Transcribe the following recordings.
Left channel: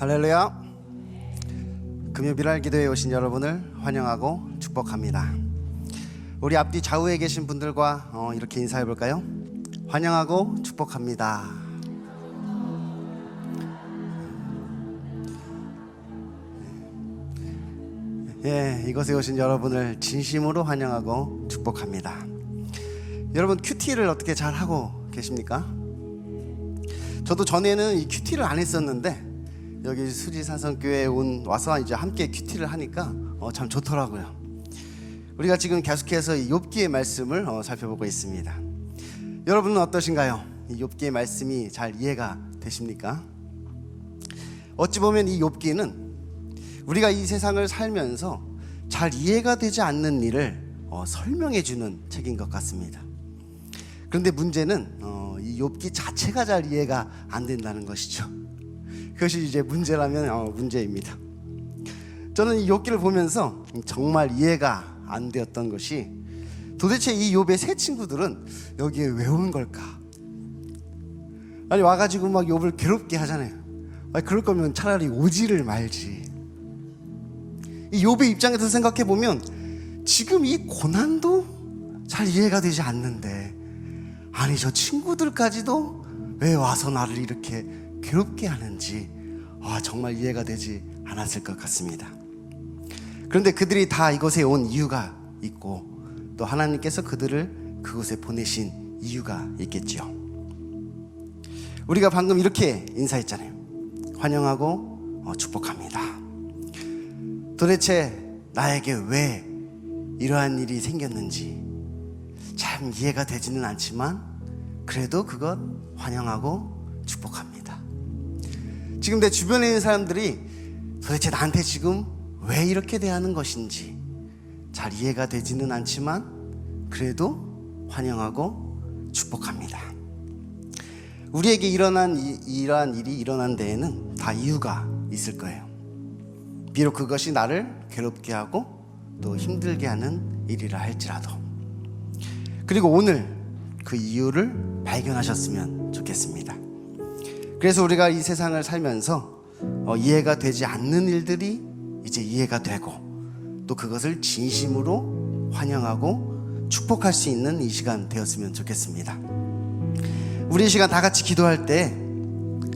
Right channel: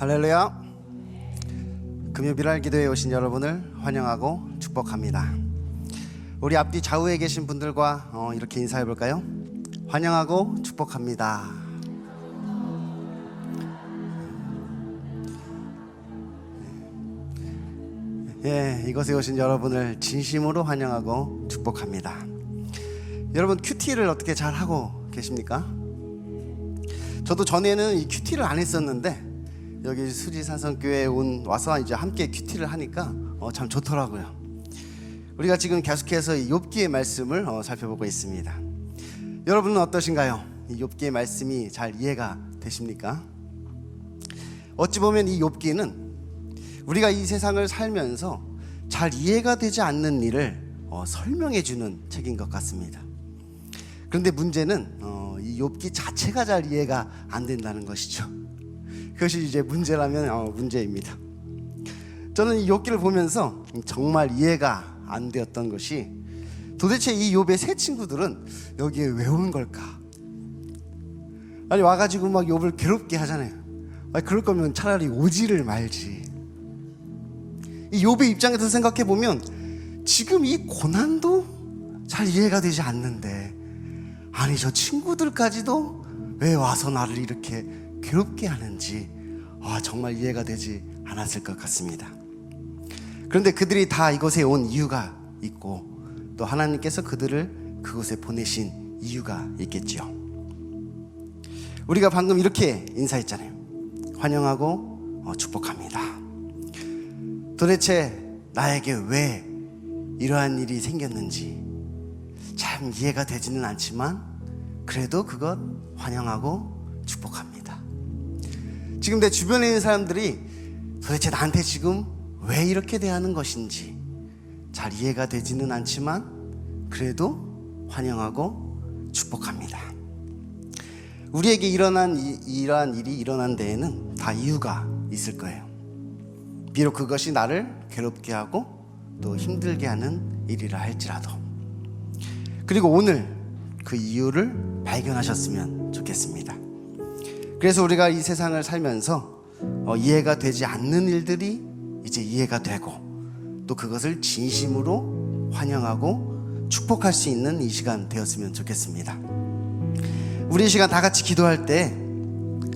할렐루야. 금요일날 기도에 오신 여러분을 환영하고 축복합니다. 우리 앞뒤 좌우에 계신 분들과 이렇게 인사해 볼까요? 환영하고 축복합니다. 이곳에 오신 여러분을 진심으로 환영하고 축복합니다. 여러분, 큐티를 어떻게 잘 하고 계십니까? 저도 전에는 이 큐티를 안 했었는데 여기 수지산성교회에 와서 이제 함께 큐티를 하니까 참 좋더라고요. 우리가 지금 계속해서 이 욥기의 말씀을 살펴보고 있습니다. 여러분은 어떠신가요? 이 욥기의 말씀이 잘 이해가 되십니까? 어찌 보면 이 욥기는 우리가 이 세상을 살면서 잘 이해가 되지 않는 일을 설명해 주는 책인 것 같습니다. 그런데 문제는 이 욥기 자체가 잘 이해가 안 된다는 것이죠. 그것이 이제 문제라면 문제입니다. 저는 이 욥기를 보면서 정말 이해가 안 되었던 것이, 도대체 이 욥의 세 친구들은 여기에 왜 온 걸까? 아니, 와가지고 막 욥을 괴롭게 하잖아요. 아니, 그럴 거면 차라리 오지를 말지. 이 욥의 입장에서 생각해 보면 지금 이 고난도 잘 이해가 되지 않는데, 아니 저 친구들까지도 왜 와서 나를 이렇게 괴롭게 하는지 정말 이해가 되지 않았을 것 같습니다. 그런데 그들이 다 이곳에 온 이유가 있고, 또 하나님께서 그들을 그곳에 보내신 이유가 있겠죠. 우리가 방금 이렇게 인사했잖아요. 환영하고 축복합니다. 도대체 나에게 왜 이러한 일이 생겼는지 참 이해가 되지는 않지만, 그래도 그것 환영하고 축복합니다. 지금 내 주변에 있는 사람들이 도대체 나한테 지금 왜 이렇게 대하는 것인지 잘 이해가 되지는 않지만, 그래도 환영하고 축복합니다. 우리에게 이러한 일이 일어난 데에는 다 이유가 있을 거예요. 비록 그것이 나를 괴롭게 하고 또 힘들게 하는 일이라 할지라도. 그리고 오늘 그 이유를 발견하셨으면 좋겠습니다. 그래서 우리가 이 세상을 살면서 이해가 되지 않는 일들이 이제 이해가 되고, 또 그것을 진심으로 환영하고 축복할 수 있는 이 시간 되었으면 좋겠습니다. 우리 이 시간 다 같이 기도할 때,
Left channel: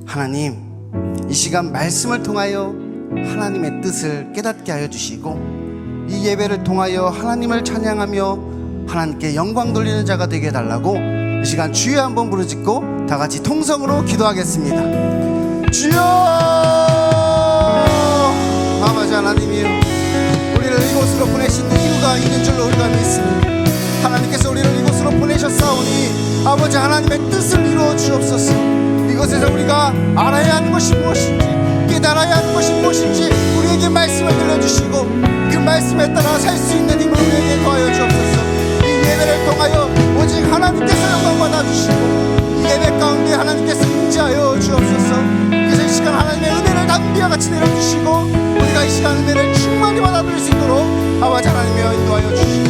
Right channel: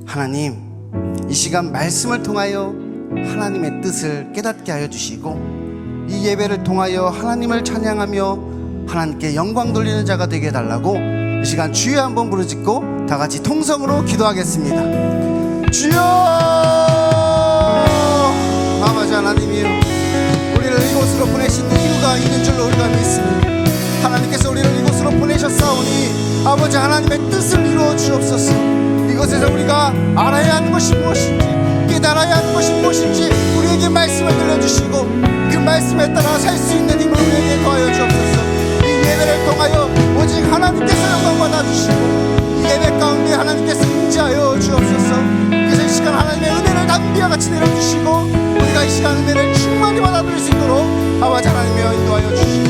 하나님, 이 시간 말씀을 통하여 하나님의 뜻을 깨닫게 하여 주시고, 이 예배를 통하여 하나님을 찬양하며 하나님께 영광 돌리는 자가 되게 해달라고 이 시간 주여 한번 부르짖고 다 같이 통성으로 기도하겠습니다. 주여! 아버지 하나님이여, 우리를 이곳으로 보내신 이유가 있는 줄로 우리가 믿습니다. 하나님께서 우리를 이곳으로 보내셨사오니 아버지 하나님의 뜻을 이루어 주옵소서. 이곳에서 우리가 알아야 하는 것이 무엇인지, 깨달아야 하는 것이 무엇인지 우리에게 말씀을 들려주시고, 그 말씀에 따라 살 수 있는 힘을 우리에게 더하여 주옵소서. 이 예배를 통하여 오직 하나님께서 영광 받아주시고, 이 예배 가운데 하나님께서 임재하여 주옵소서. 이제 이 시간 하나님의 은혜를 담비와 같이 내려주시고, 우리가 이 시간 은혜를 충만히 받아들일 수 있도록 아버지 하나님의 인도하여 주시고,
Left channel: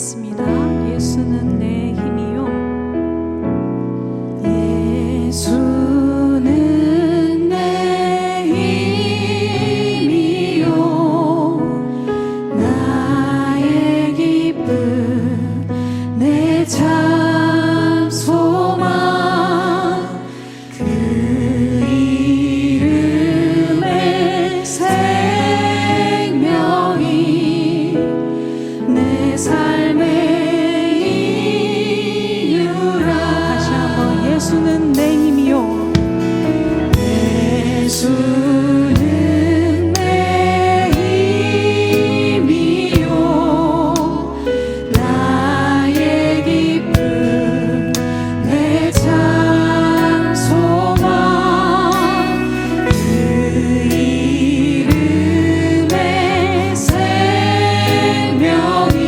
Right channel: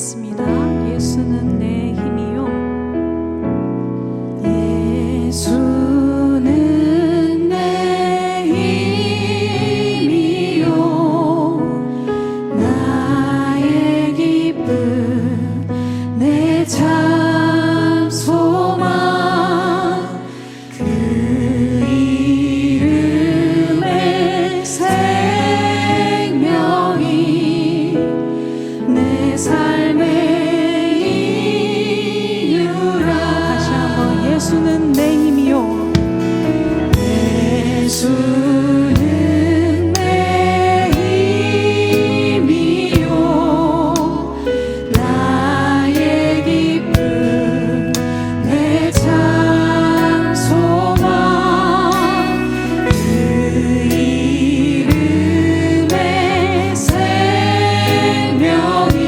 찬양하겠습니다. 예수는 내 힘이요. 예수는 내 힘이요. 나의 기쁨 내 참 소망 그 이름의 생명이 내 삶의 이유라. 다시 한번 예수는 내 힘이요. 예수는 내 힘이요. 나의 기쁨 내 참 소망 그 이름의 생명이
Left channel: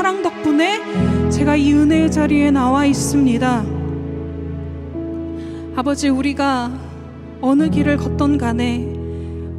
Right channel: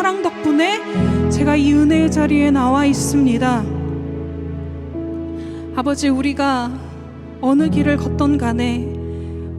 사랑 덕분에 제가 이 은혜의 자리에 나와 있습니다. 아버지, 우리가 어느 길을 걷던 간에,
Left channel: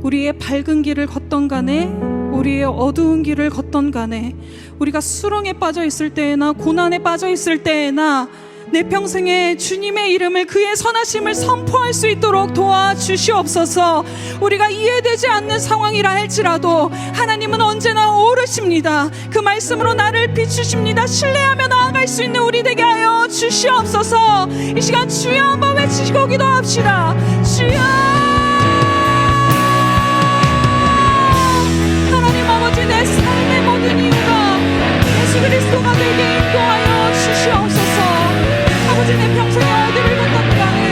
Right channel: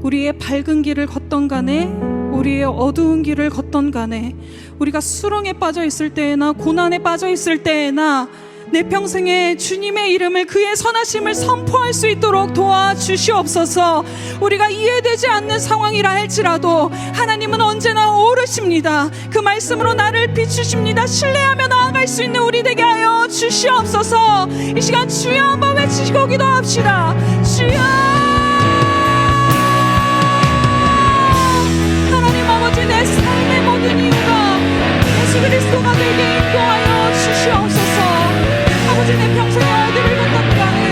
우리의 밝은 길을 걷던 간에, 우리의 어두운 길을 걷던 간에, 우리가 수렁에 빠져 있을 때에나 고난에 빠져 있을 때에나 내 평생에 주님의 이름을, 그의 선하심을 선포할 수 있도록 도와주시옵소서. 우리가 이해되지 않는 상황이라 할지라도 하나님은 언제나 오르십니다. 그 말씀으로 나를 비추십니다. 신뢰하며 나아갈 수 있는 우리 되게 하여 주시옵소서. 이 시간 주여 한번 외치시고 기도합시다. 주여, 하나님 아버지, 내 삶의 모든 이유가 예수 그리스도가 되게 인도하여 주시옵소서. 아버지, 내 평생 어디를 걷던 간에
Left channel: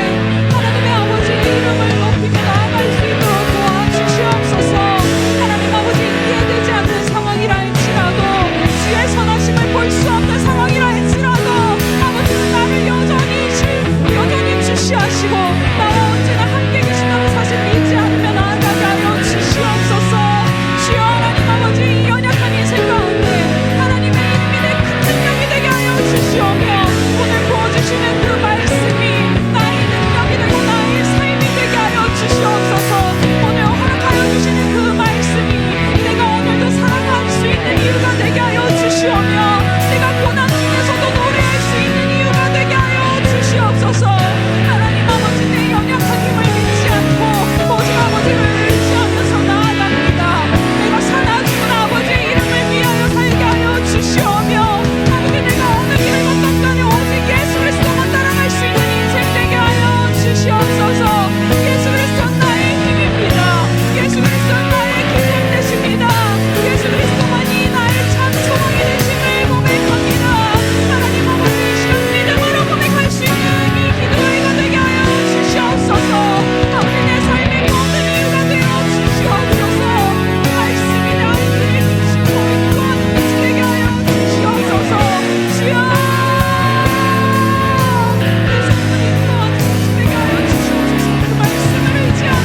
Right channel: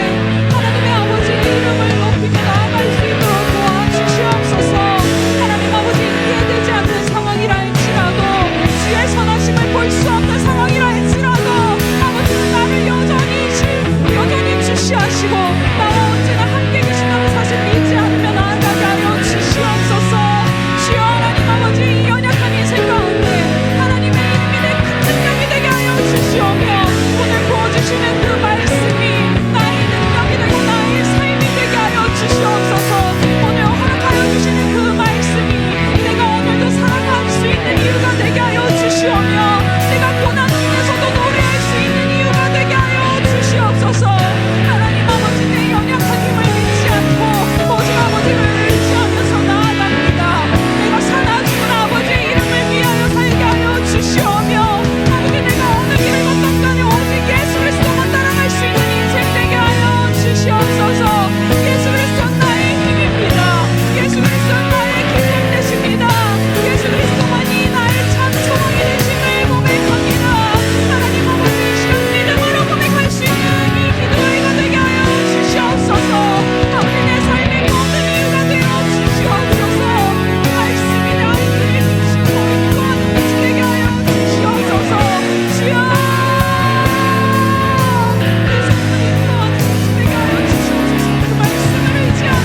하나님의 아버지 이름을 높이며 나아갈 수 있도록 도와주시옵소서. 하나님 아버지, 이해되지 않는 상황이라 할지라도, 주의 선하심을 볼 수 없는 상황이라 할지라도 아버지는 나를 여전히 주시하시고 나와 언제나 함께 계신다는 사실 잊지 않으며 나아가게 하여 주시옵소서. 주여, 하나님 아버지, 이 연약한 인생 가운데 하나님의 이름이 내 큰 능력이 되게 하여 주시오며 오늘 부어주시는 그 말씀이 나의 능력이 되고 나의 삶이 되게 하여 주시옵소서. 오늘 허락하여 주시는 그 말씀이 내가 오늘도 살아갈 수 있는 이유가 되게 하여 주시오며 내가 고난 중에서도 노래할 수 있는 이유가 되게 하여 주시옵소서. 하나님 아버지, 내 연약한 힘을 믿지 않고 오직 아버지를 의지하면서 나아갑니다. 내가 사나 죽은 아버지의 이름을 위하여 살게 하여 주시오며 아버지, 내가 어느 길을 걷던 간에 오직 예수 그리스도만 따라갈 수 있는 인생 되게 하여 주시옵소서. 예수 그리스도는 나의 힘입니다. 예수 그리스도는 나의 기쁨 되십니다. 예수 그리스도만이 나의 참 소망이 되심을 고백합니다. 하나님 아버지, 이 시간 믿음으로 고백할 수 있는 이 기도회가 되게 하여 주시옵소서. 아버지, 내 삶의 모든 이유가 되어 주시옵소서. 말씀이 나를 비추고 인도하는 것이 되게 하여 주시옵소서. 주여, 내 삶을 인도하는 것이 되게 하여 주시옵소서. 그 말씀을 의지합니다.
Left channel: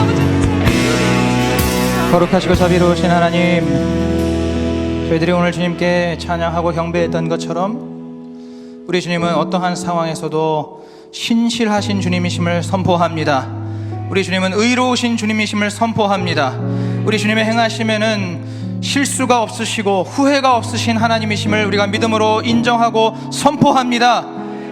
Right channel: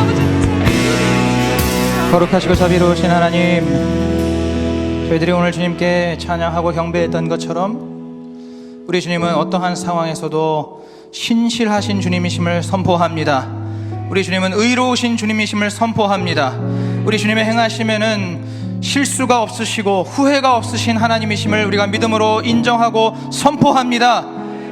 아버지, 거룩하시고 자비로우신 하나님, 저희들이 오늘 주님께 찬양하고 경배했던 것처럼 우리 주님은 어떠한 상황에서도 신실하신 주님이심을 선포합니다. 우리 주님은 의로우신 주님이심을 선포합니다. 우리 주님의 행하심에는 실수가 없으시고 후회가 없으신 하나님이심을 우리가 믿음으로 인정하고 선포합니다.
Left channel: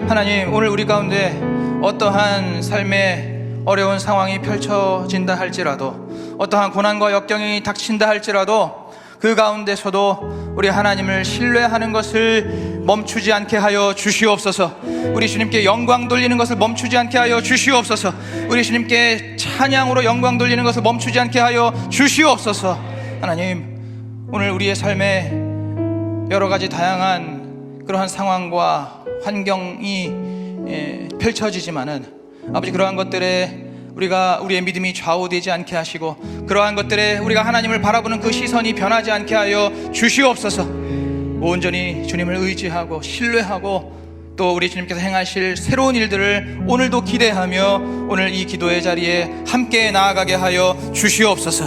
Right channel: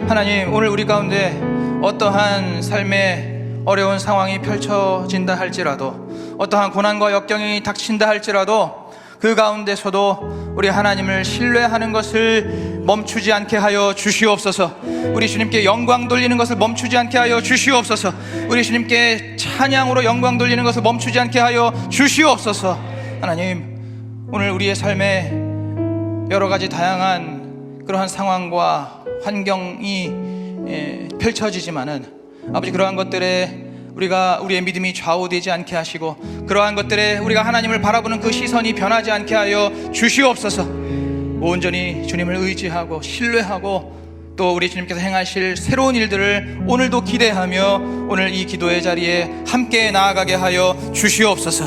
하나님, 오늘 우리 가운데 어떠한 삶의 어려운 상황이 펼쳐진다 할지라도, 어떠한 고난과 역경이 닥친다 할지라도 그 가운데서도 우리 하나님을 신뢰하는 것을 멈추지 않게 하여 주시옵소서. 우리 주님께 영광 돌리는 것을 멈추지 않게 하여 주시옵소서. 우리 주님께 찬양으로 영광 돌리는 것을 멈추지 않게 하여 주시옵소서. 하나님, 오늘 우리의 삶에 여러 가지 다양한 그러한 상황과 환경이 펼쳐지지만은 아버지, 그러한 것들에 우리의 믿음이 좌우되지 않게 하시고 그러한 것들에 우리가 하나님을 바라보는 그 시선이 변하지 않게 하여 주시옵소서. 온전히 주님을 의지하고 신뢰하고 또 우리 주님께서 행하실 새로운 일들을 오늘도 기대하며 오늘 이 기도의 자리에 함께 나아가게 하여 주시옵소서.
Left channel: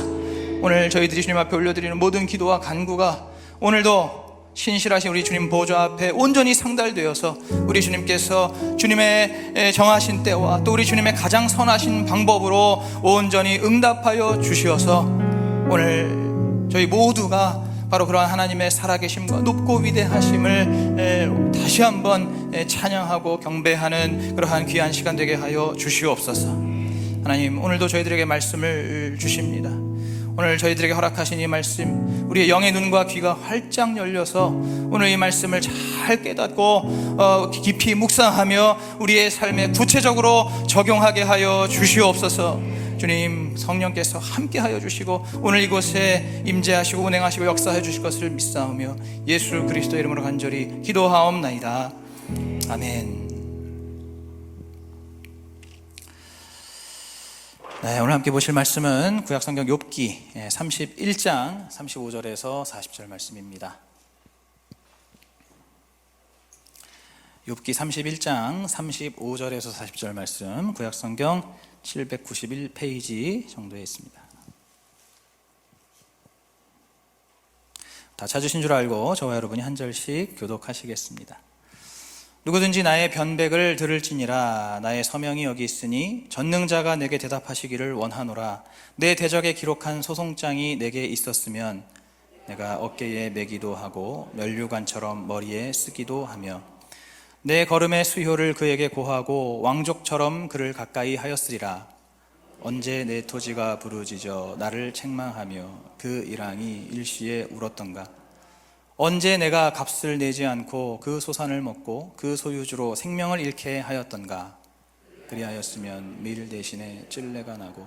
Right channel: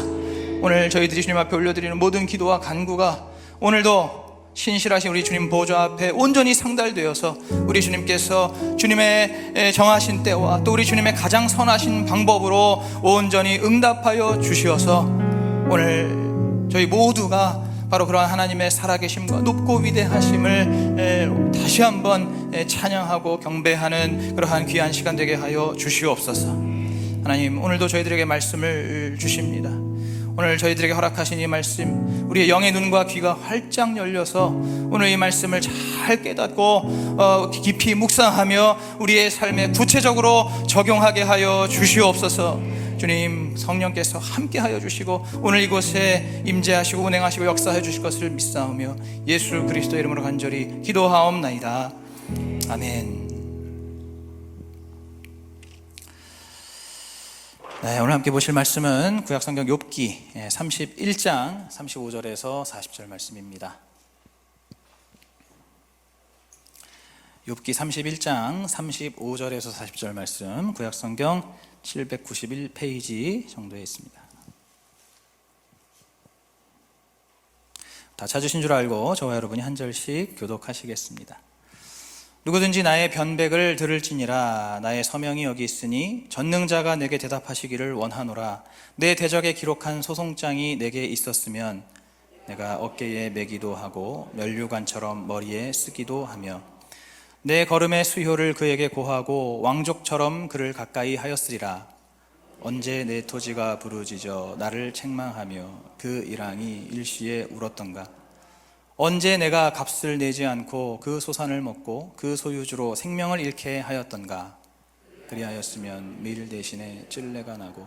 오늘 저희들이 주님 앞에 올려드리는 모든 기도와 간구가 오늘도 신실하신 우리 주님 보좌 앞에 온전히 상달되어서 우리 주님께서 주님의 정하신 때와 또 우리 주님의 가장 선하신 방법으로 온전히 응답하여 주시어서 오늘 저희 모두가 바로 그러한 하나님의 살아계심과 높고 위대하심을 다시 한번 찬양하고 경배하는 그러한 귀한 시간 되게 하여 주시옵소서. 하나님, 오늘도 저희들에게 말씀을 주십니다. 오늘 저희들에게 허락하신 이 말씀, 우리의 영의 눈과 귀가 활짝 열려서 오늘 이 말씀을 잘 깨닫고 깊이 묵상하며 우리의 삶에 구체적으로 적용하게 하여 주시옵소서. 주님, 성령께서 함께 하여 주시고 오늘 이곳에 임재하시고 운행하시고 역사해 주실 것을 믿사오며 예수 그리스도의 이름으로 간절히 기도하옵나이다. 아멘. 네, 오늘 함께 보실 말씀은 구약성경 욥기 31장 35절에서 40절 말씀입니다. 욥기 31장 35절에서 40절 말씀, 구약성경 791페이지 정도에 있습니다. 다 찾으신 줄 알고 저와 여러분이 한 절씩 교독하시겠습니다. 누구든지 나의 변백을 들을지니라. 나의 서명이 여기 있으니 전능자가 내게 대답하시기를 원하노라. 내 대적에 기록한 소송장이 내게 있었으면 내가 어깨에 매기도 하고 면류관처럼 머리에 쓰기도 하며 내 걸음의 수효를 그에게 고하고 왕족처럼 그를 가까이 하였으리라. 언제 내 토지가 부르짖어 나를 책망하며 그 일왕이 일시에 울었던가. 언제 내가 값을 내지 않고 그 소산을 먹고 그 소유주로 생명을 잃게 하였던가. 그리하였으면 밀 대신에 찔레가 나고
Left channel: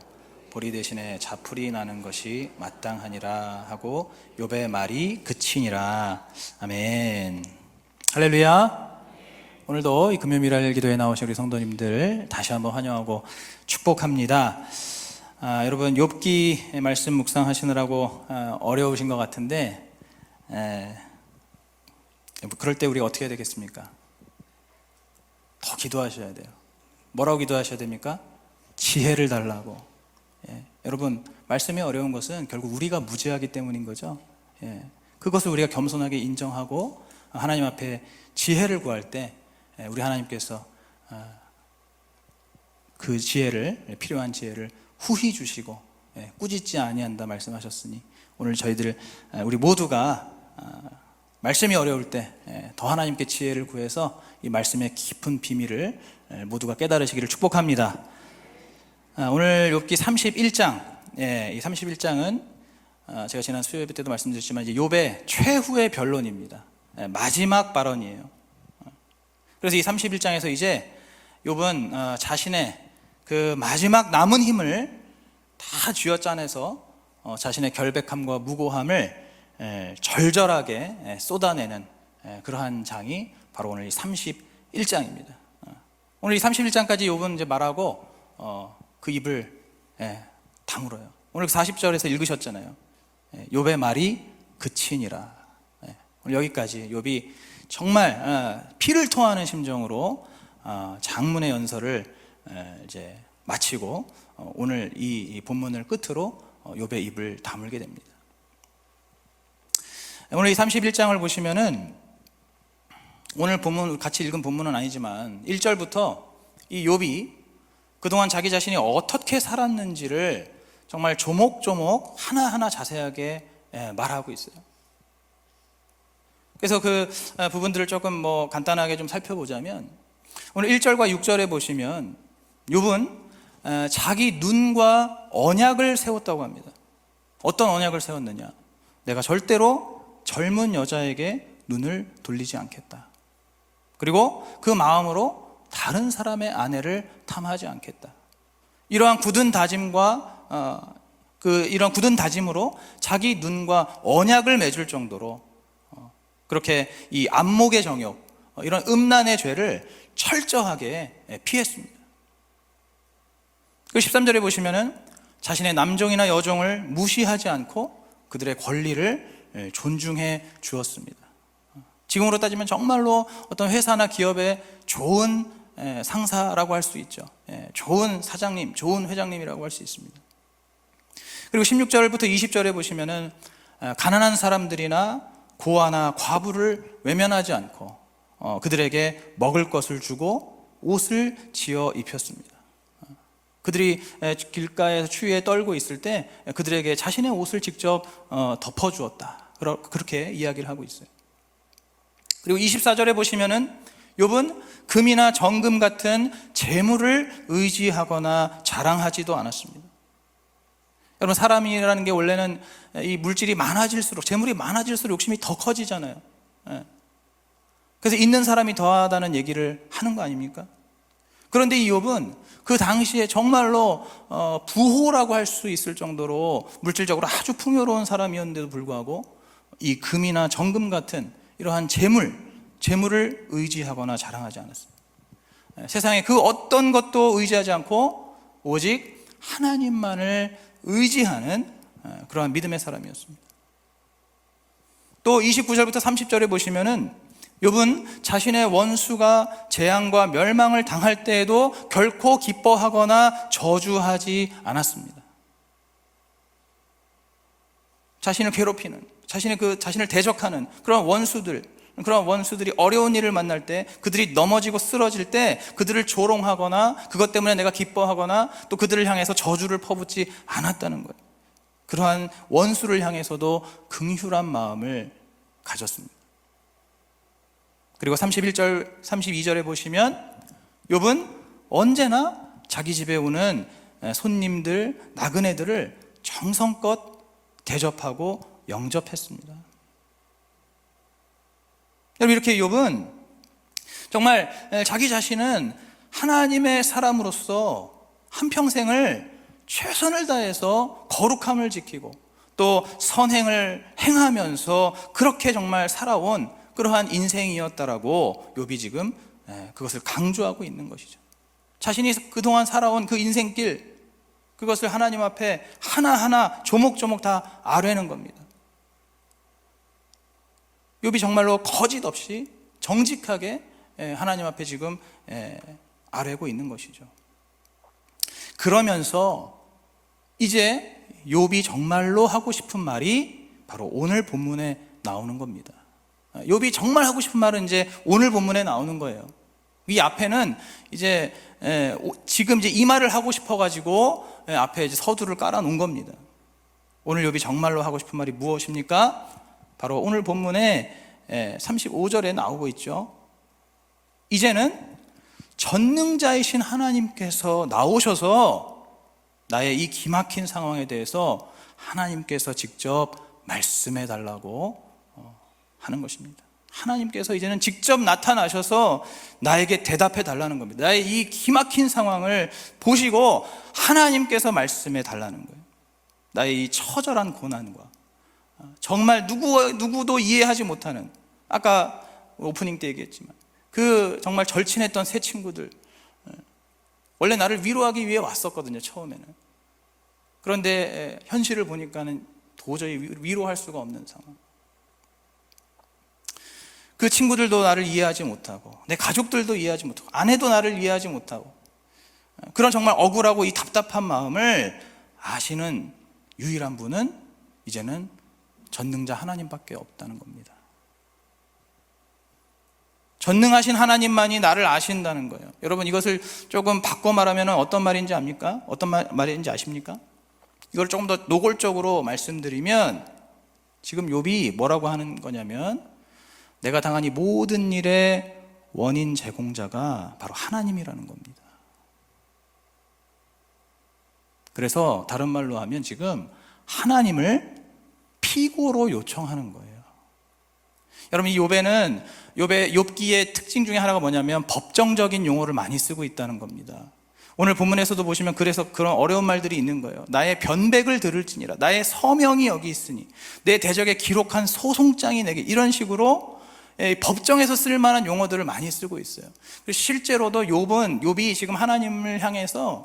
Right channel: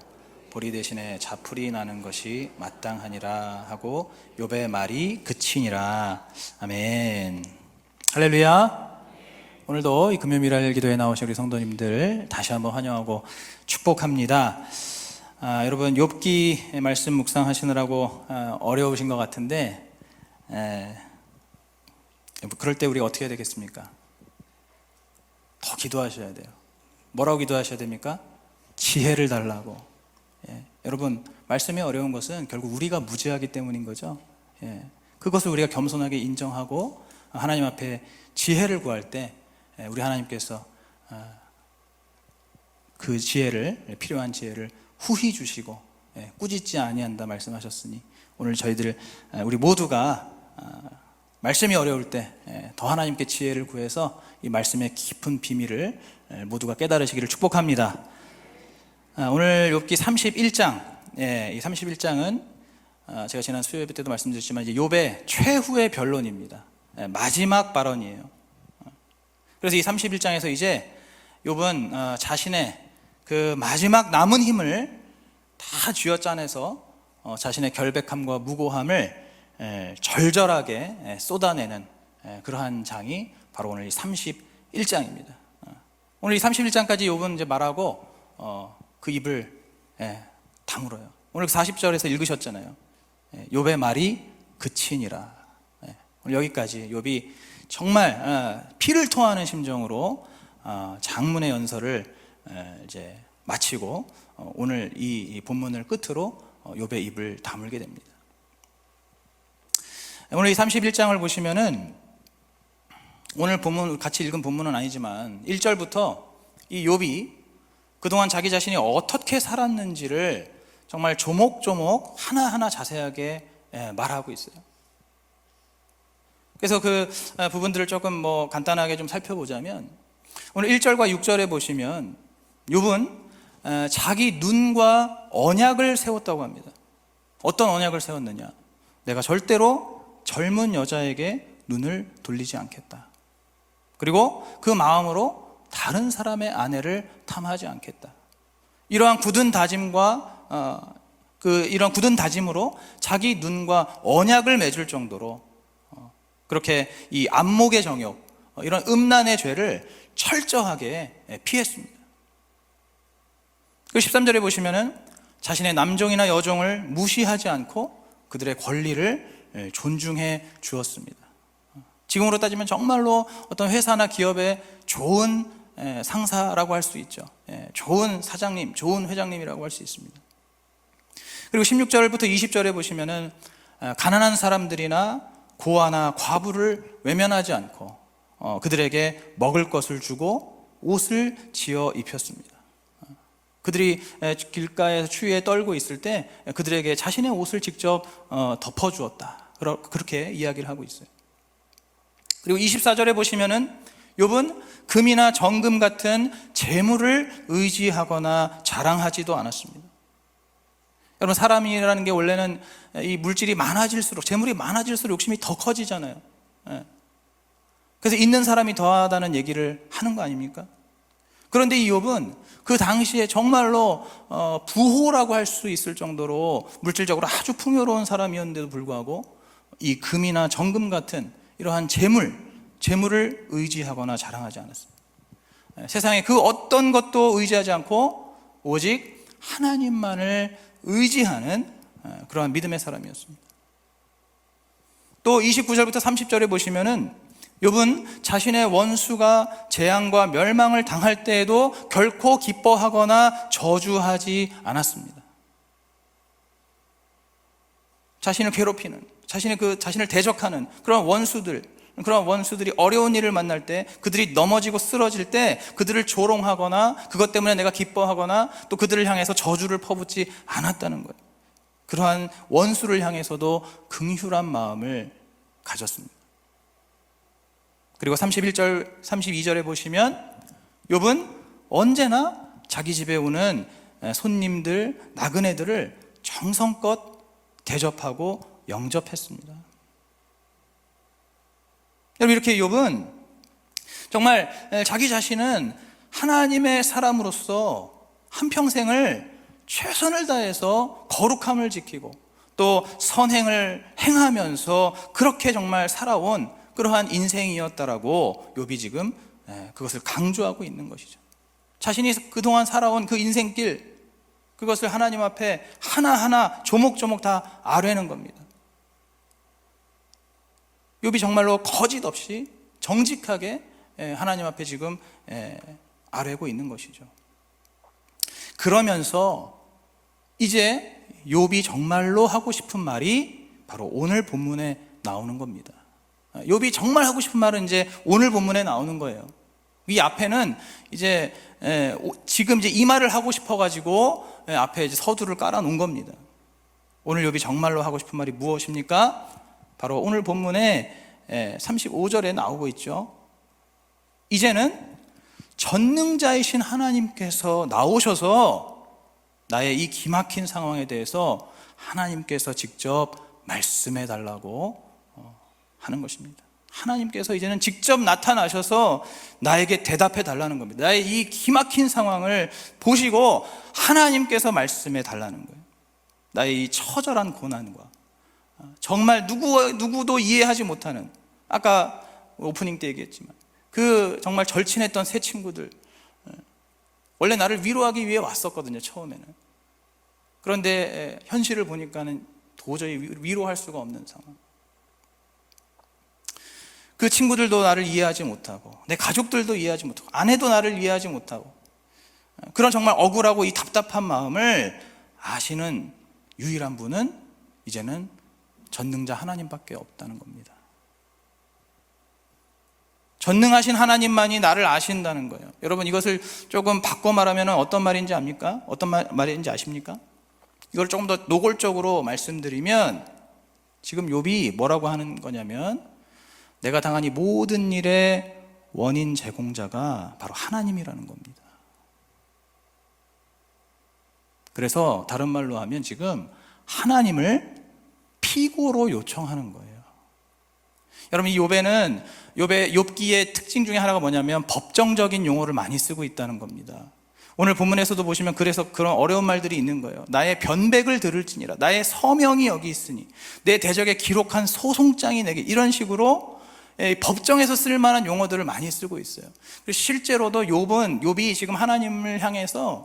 보리 대신에 자풀이 나는 것이 마땅하니라 하고 욥의 말이 그치니라. 아멘. 할렐루야. 오늘도 이 금요일날 기도에 나오신 우리 성도님들 다시 한번 환영하고 축복합니다. 여러분 욥기 말씀 묵상하시느라고 어려우신 것 같은데 그럴 때 우리가 어떻게 해야 되겠습니까? 더 기도하셔야 돼요. 뭐라고 기도하셔야 됩니까? 지혜를 달라고. 여러분 말씀이 어려운 것은 결국 우리가 무지하기 때문인 거죠. 그것을 우리가 겸손하게 인정하고 하나님 앞에 지혜를 구할 때 우리 하나님께서 그 지혜를, 필요한 지혜를 후히 주시고 꾸짖지 아니한다 말씀하셨으니 오늘 저희들 우리 모두가 말씀이 어려울 때 더 하나님께 지혜를 구해서 이 말씀의 깊은 비밀을 모두가 깨달으시기를 축복합니다. 오늘 욥기 31장, 이 31장은 제가 지난 수요일 때도 말씀드렸지만 이제 욥의 최후의 변론입니다. 마지막 발언이에요. 그래서 이 31장에서 이제 욥은 자신의 그 마지막 남은 힘을 다 쥐어짜내서 자신의 결백함과 무고함을 절절하게 쏟아내는 그러한 장이 바로 오늘 이 31장입니다. 오늘 이 31장까지 욥은 이제 말하고 그 입을 다물어요. 오늘 40절에서 읽으셨잖아요. 욥의 말이 그치니라. 오늘 여기까지 욥이 정말 피를 토하는 심정으로 장문의 연설을 이제 마치고 오늘 이 본문을 끝으로 욥의 입을 다물게 됩니다. 오늘 이 31장을 보시면은 오늘 본문 같이 읽은 본문은 아니지만 1절부터 이 욥이 그동안 자기 자신이 어떻게 살았는지를 정말 조목조목 하나하나 자세하게 말하고 있어요. 그래서 그 부분들을 조금 간단하게 좀 살펴보자면 오늘 1절과 6절에 보시면 욥은 자기 눈과 언약을 세웠다고 합니다. 어떤 언약을 세웠느냐? 내가 절대로 젊은 여자에게 눈을 돌리지 않겠다. 그리고 그 마음으로 다른 사람의 아내를 탐하지 않겠다. 이러한 굳은 다짐과 이런 굳은 다짐으로 자기 눈과 언약을 맺을 정도로 그렇게 이 안목의 정욕, 이런 음란의 죄를 철저하게 피했습니다. 그 13절에 보시면은 자신의 남종이나 여종을 무시하지 않고 그들의 권리를 존중해 주었습니다. 지금으로 따지면 정말로 어떤 회사나 기업의 좋은 상사라고 할 수 있죠. 좋은 사장님, 좋은 회장님이라고 할 수 있습니다. 그리고 16절부터 20절에 보시면은 가난한 사람들이나 고아나 과부를 외면하지 않고 그들에게 먹을 것을 주고 옷을 지어 입혔습니다. 그들이 길가에서 추위에 떨고 있을 때 그들에게 자신의 옷을 직접 덮어주었다. 그렇게 이야기를 하고 있어요. 그리고 24절에 보시면은 욥은 금이나 정금 같은 재물을 의지하거나 자랑하지도 않았습니다. 여러분 사람이라는 게 원래는 이 물질이 많아질수록, 재물이 많아질수록 욕심이 더 커지잖아요. 그래서 있는 사람이 더하다는 얘기를 하는 거 아닙니까? 그런데 이 욥은 그 당시에 정말로 부호라고 할 수 있을 정도로 물질적으로 아주 풍요로운 사람이었는데도 불구하고 이 금이나 정금 같은 이러한 재물을 의지하거나 자랑하지 않았습니다. 세상에 그 어떤 것도 의지하지 않고 오직 하나님만을 의지하는 그런 믿음의 사람이었습니다. 또 29절부터 30절에 보시면은 욥은 자신의 원수가 재앙과 멸망을 당할 때에도 결코 기뻐하거나 저주하지 않았습니다. 자신을 괴롭히는, 자신을 대적하는 그런 원수들이 어려운 일을 만날 때, 그들이 넘어지고 쓰러질 때 그들을 조롱하거나 그것 때문에 내가 기뻐하거나 또 그들을 향해서 저주를 퍼붓지 않았다는 거예요. 그러한 원수를 향해서도 긍휼한 마음을 가졌습니다. 그리고 31절, 32절에 보시면 욥은 언제나 자기 집에 오는 손님들, 나그네들을 정성껏 대접하고 영접했습니다. 여러분, 이렇게 욥은 정말 자기 자신은 하나님의 사람으로서 한평생을 최선을 다해서 거룩함을 지키고 또 선행을 행하면서 그렇게 정말 살아온 그러한 인생이었다라고 욥이 지금 그것을 강조하고 있는 것이죠. 자신이 그동안 살아온 그 인생길, 그것을 하나님 앞에 하나하나 조목조목 다 아뢰는 겁니다. 욥이 정말로 거짓 없이 정직하게 하나님 앞에 지금 아뢰고 있는 것이죠. 그러면서 이제 욥이 정말로 하고 싶은 말이 바로 오늘 본문에 나오는 겁니다. 욥이 정말 하고 싶은 말은 이제 오늘 본문에 나오는 거예요. 이 앞에는 이제 지금 이제 이 말을 하고 싶어가지고 앞에 이제 서두를 깔아놓은 겁니다. 오늘 욥이 정말로 하고 싶은 말이 무엇입니까? 바로 오늘 본문에 35절에 나오고 있죠. 이제는 전능자이신 하나님께서 나오셔서 나의 이 기막힌 상황에 대해서 하나님께서 직접 말씀해 달라고 하는 것입니다. 하나님께서 이제는 직접 나타나셔서 나에게 대답해 달라는 겁니다. 나의 이 기막힌 상황을 보시고 하나님께서 말씀해 달라는 거예요. 나의 이 처절한 고난과 정말 누구도 이해하지 못하는, 아까 오프닝 때 얘기했지만 그 정말 절친했던 새 친구들, 원래 나를 위로하기 위해 왔었거든요, 처음에는. 그런데 현실을 보니까는 도저히 위로할 수가 없는 상황. 그 친구들도 나를 이해하지 못하고, 내 가족들도 이해하지 못하고, 아내도 나를 이해하지 못하고, 그런 정말 억울하고 이 답답한 마음을 아시는 유일한 분은 이제는 전능자 하나님밖에 없다는 겁니다. 전능하신 하나님만이 나를 아신다는 거예요. 여러분, 이것을 조금 바꿔 말하면 어떤 말인지 압니까? 어떤 말인지 아십니까? 이걸 조금 더 노골적으로 말씀드리면 지금 욥이 뭐라고 하는 거냐면, 내가 당한 이 모든 일의 원인 제공자가 바로 하나님이라는 겁니다. 그래서 다른 말로 하면 지금 하나님을 피고로 요청하는 거예요. 여러분, 이 욥기의 특징 중에 하나가 뭐냐면 법정적인 용어를 많이 쓰고 있다는 겁니다. 오늘 본문에서도 보시면 그래서 그런 어려운 말들이 있는 거예요. 나의 변백을 들을지니라, 나의 서명이 여기 있으니, 내 대적에 기록한 소송장이 내게, 이런 식으로 법정에서 쓸 만한 용어들을 많이 쓰고 있어요. 실제로도 욥이 지금 하나님을 향해서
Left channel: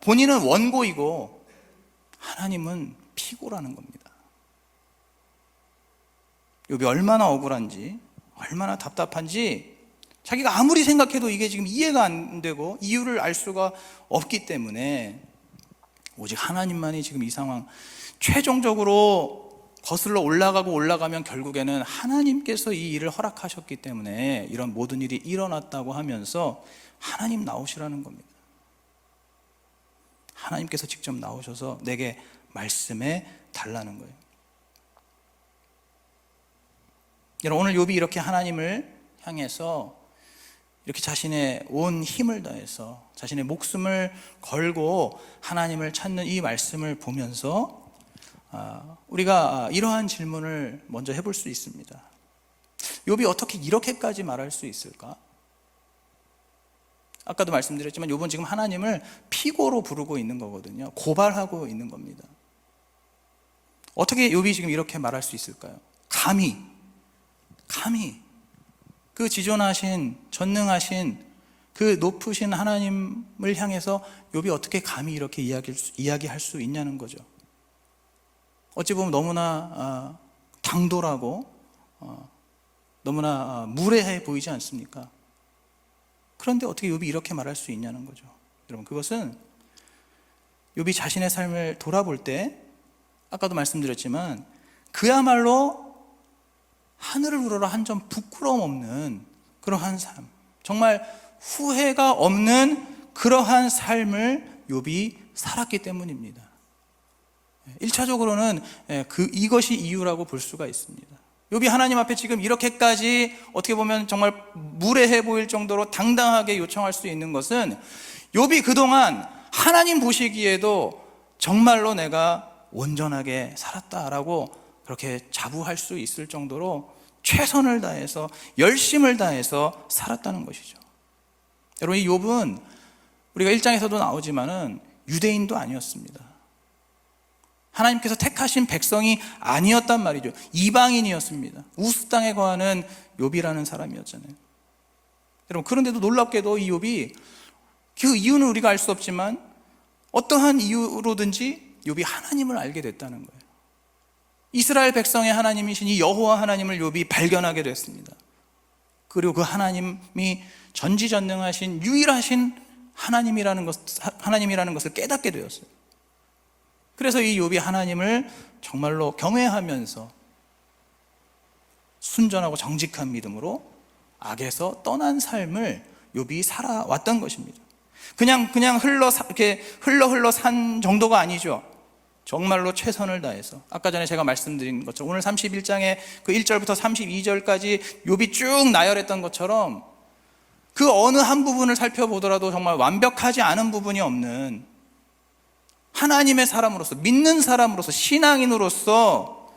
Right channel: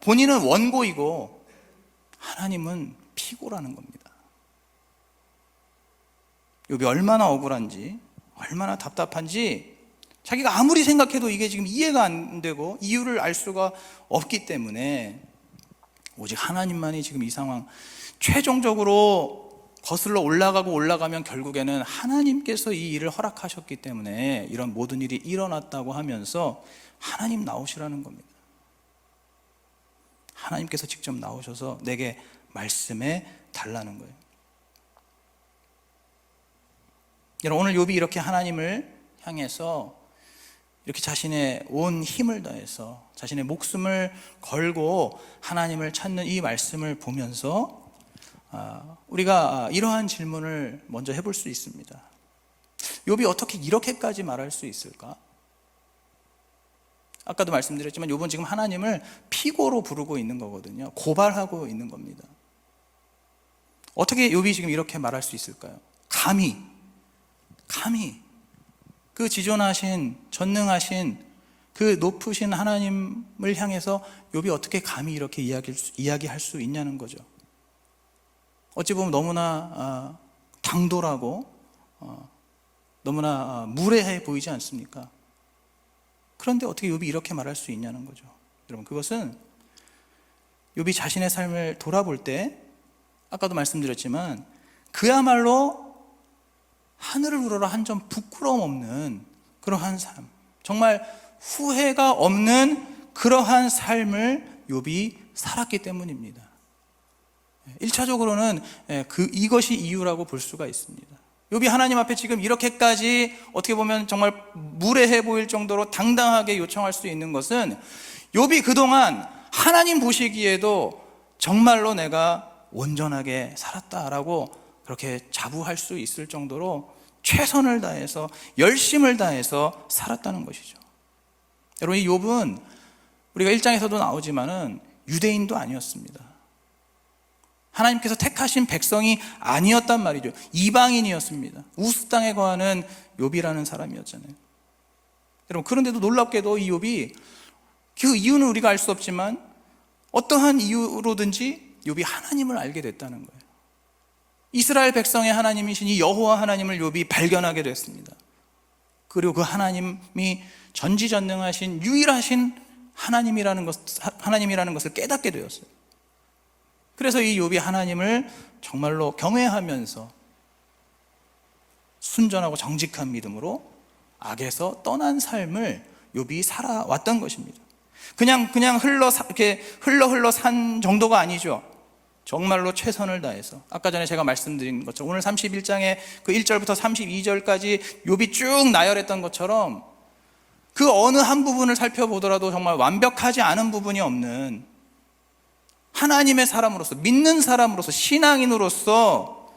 본인은 원고이고 하나님은 피고라는 겁니다. 욥이 얼마나 억울한지, 얼마나 답답한지 자기가 아무리 생각해도 이게 지금 이해가 안 되고 이유를 알 수가 없기 때문에 오직 하나님만이 지금 이 상황, 최종적으로 거슬러 올라가면 결국에는 하나님께서 이 일을 허락하셨기 때문에 이런 모든 일이 일어났다고 하면서 하나님 나오시라는 겁니다. 하나님께서 직접 나오셔서 내게 말씀해 달라는 거예요. 여러분, 오늘 욥이 이렇게 하나님을 향해서 이렇게 자신의 온 힘을 다해서 자신의 목숨을 걸고 하나님을 찾는 이 말씀을 보면서 우리가 이러한 질문을 먼저 해볼 수 있습니다. 욥이 어떻게 이렇게까지 말할 수 있을까? 아까도 말씀드렸지만 욥은 지금 하나님을 피고로 부르고 있는 거거든요. 고발하고 있는 겁니다. 어떻게 욥이 지금 이렇게 말할 수 있을까요? 감히 그 지존하신, 전능하신 그 높으신 하나님을 향해서 욥이 어떻게 감히 이렇게 이야기할 수 있냐는 거죠. 어찌 보면 너무나 당돌하고 너무나 무례해 보이지 않습니까? 그런데 어떻게 욥이 이렇게 말할 수 있냐는 거죠. 여러분, 그것은 욥이 자신의 삶을 돌아볼 때, 아까도 말씀드렸지만 그야말로 하늘을 우러러 한 점 부끄러움 없는 그러한 삶, 정말 후회가 없는 그러한 삶을 욥이 살았기 때문입니다. 1차적으로는 이것이 이유라고 볼 수가 있습니다. 욥이 하나님 앞에 지금 이렇게까지 어떻게 보면 정말 무례해 보일 정도로 당당하게 요청할 수 있는 것은, 욥이 그동안 하나님 보시기에도 정말로 내가 온전하게 살았다라고 그렇게 자부할 수 있을 정도로 최선을 다해서 열심을 다해서 살았다는 것이죠. 여러분, 이 욥은 우리가 1장에서도 나오지만은 유대인도 아니었습니다. 하나님께서 택하신 백성이 아니었단 말이죠. 이방인이었습니다. 우스 땅에 거하는 욥이라는 사람이었잖아요. 여러분, 그런데도 놀랍게도 이 욥이, 그 이유는 우리가 알 수 없지만 어떠한 이유로든지 욥이 하나님을 알게 됐다는 거예요. 이스라엘 백성의 하나님이신 이 여호와 하나님을 욥이 발견하게 됐습니다. 그리고 그 하나님이 전지전능하신 유일하신 하나님이라는 것을 깨닫게 되었어요. 그래서 이 욥이 하나님을 정말로 경외하면서 순전하고 정직한 믿음으로 악에서 떠난 삶을 욥이 살아왔던 것입니다. 그냥 이렇게 흘러 산 정도가 아니죠. 정말로 최선을 다해서, 아까 전에 제가 말씀드린 것처럼 오늘 31장에 그 1절부터 32절까지 욥이 쭉 나열했던 것처럼 그 어느 한 부분을 살펴보더라도 정말 완벽하지 않은 부분이 없는 하나님의 사람으로서, 믿는 사람으로서, 신앙인으로서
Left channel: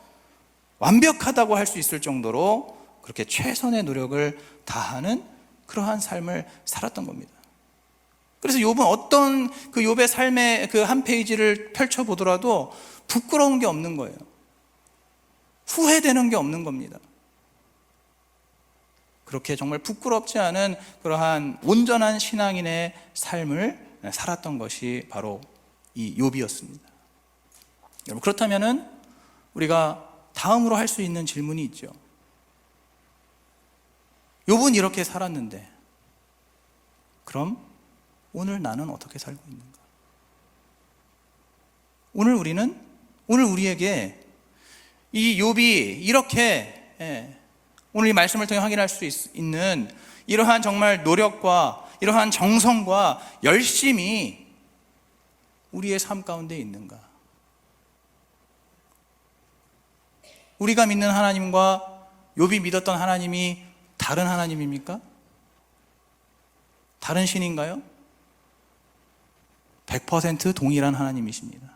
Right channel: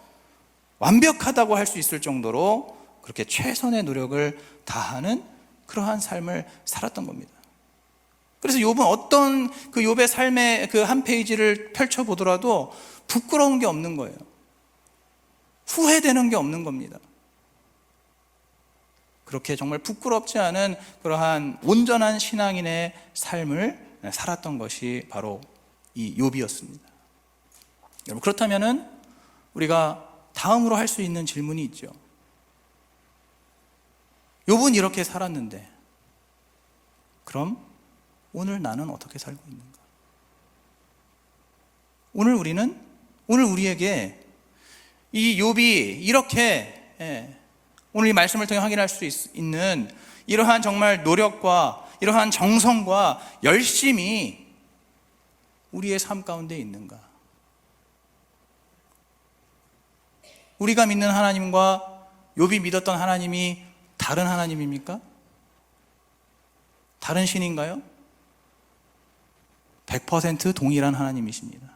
완벽하다고 할 수 있을 정도로 그렇게 최선의 노력을 다하는 그러한 삶을 살았던 겁니다. 그래서 욥은 어떤 그 욥의 삶의 그 한 페이지를 펼쳐보더라도 부끄러운 게 없는 거예요. 후회되는 게 없는 겁니다. 그렇게 정말 부끄럽지 않은 그러한 온전한 신앙인의 삶을 살았던 것이 바로 이 욥이었습니다. 여러분, 그렇다면은 우리가 다음으로 할 수 있는 질문이 있죠. 욥은 이렇게 살았는데 그럼 오늘 나는 어떻게 살고 있는가? 오늘 우리에게 이 욥이 이렇게 오늘 이 말씀을 통해 확인할 수 있는 이러한 정말 노력과 이러한 정성과 열심이 우리의 삶 가운데 있는가? 우리가 믿는 하나님과 욥이 믿었던 하나님이 다른 하나님입니까? 다른 신인가요? 100% 동일한 하나님이십니다.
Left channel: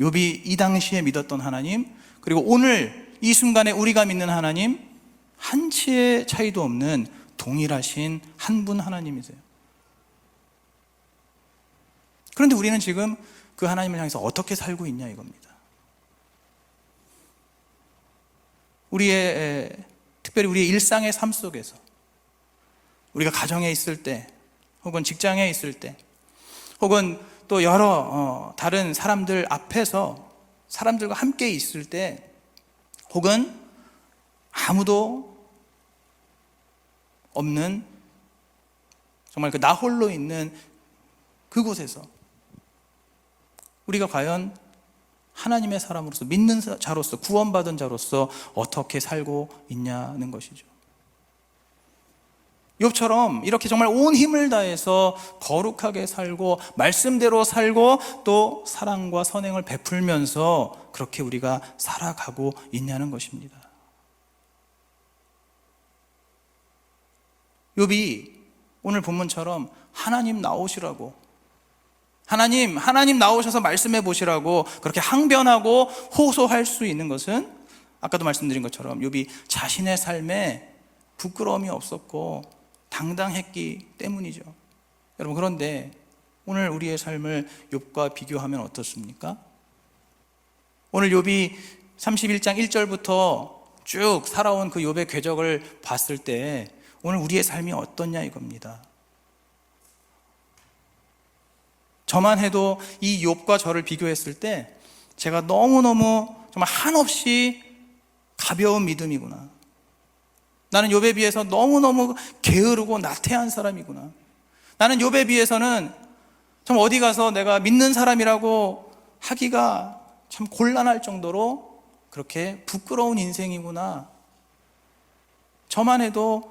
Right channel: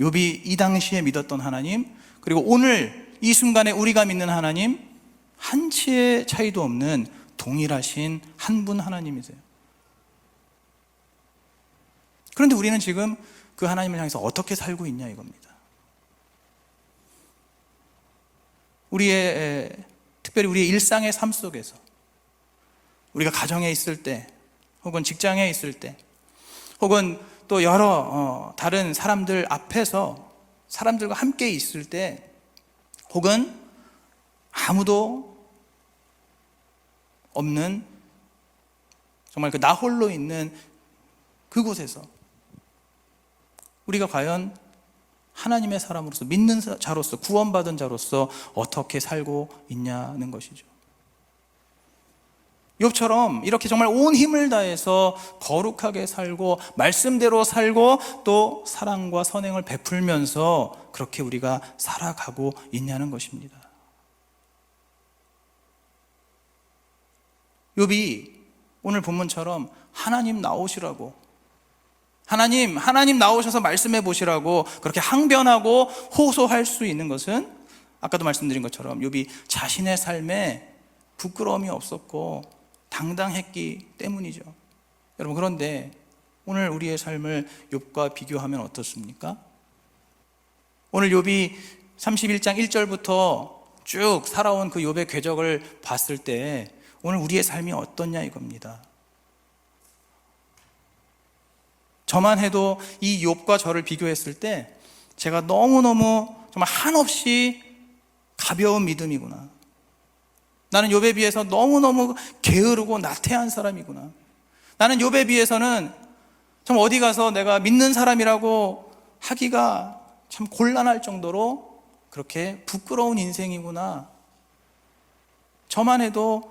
욥이 이 당시에 믿었던 하나님, 그리고 오늘 이 순간에 우리가 믿는 하나님, 한치의 차이도 없는 동일하신 한 분 하나님이세요. 그런데 우리는 지금 그 하나님을 향해서 어떻게 살고 있냐 이겁니다. 특별히 우리의 일상의 삶 속에서, 우리가 가정에 있을 때, 혹은 직장에 있을 때, 혹은 또 여러 다른 사람들 앞에서 사람들과 함께 있을 때, 혹은 아무도 없는 정말 그 나 홀로 있는 그곳에서 우리가 과연 하나님의 사람으로서, 믿는 자로서, 구원받은 자로서 어떻게 살고 있냐는 것이죠. 욥처럼 이렇게 정말 온 힘을 다해서 거룩하게 살고 말씀대로 살고 또 사랑과 선행을 베풀면서 그렇게 우리가 살아가고 있냐는 것입니다. 욥이 오늘 본문처럼 하나님 나오시라고, 하나님 나오셔서 말씀해 보시라고 그렇게 항변하고 호소할 수 있는 것은 아까도 말씀드린 것처럼 욥이 자신의 삶에 부끄러움이 없었고 당당했기 때문이죠. 여러분, 그런데 오늘 우리의 삶을 욥과 비교하면 어떻습니까? 오늘 욥이 31장 1절부터 쭉 살아온 그 욥의 궤적을 봤을 때 오늘 우리의 삶이 어떻냐 이겁니다. 저만 해도 이 욥과 저를 비교했을 때 제가 너무너무 정말 한없이 가벼운 믿음이구나. 나는 욥에 비해서 너무너무 게으르고 나태한 사람이구나. 나는 욥에 비해서는 참 어디 가서 내가 믿는 사람이라고 하기가 참 곤란할 정도로 그렇게 부끄러운 인생이구나. 저만 해도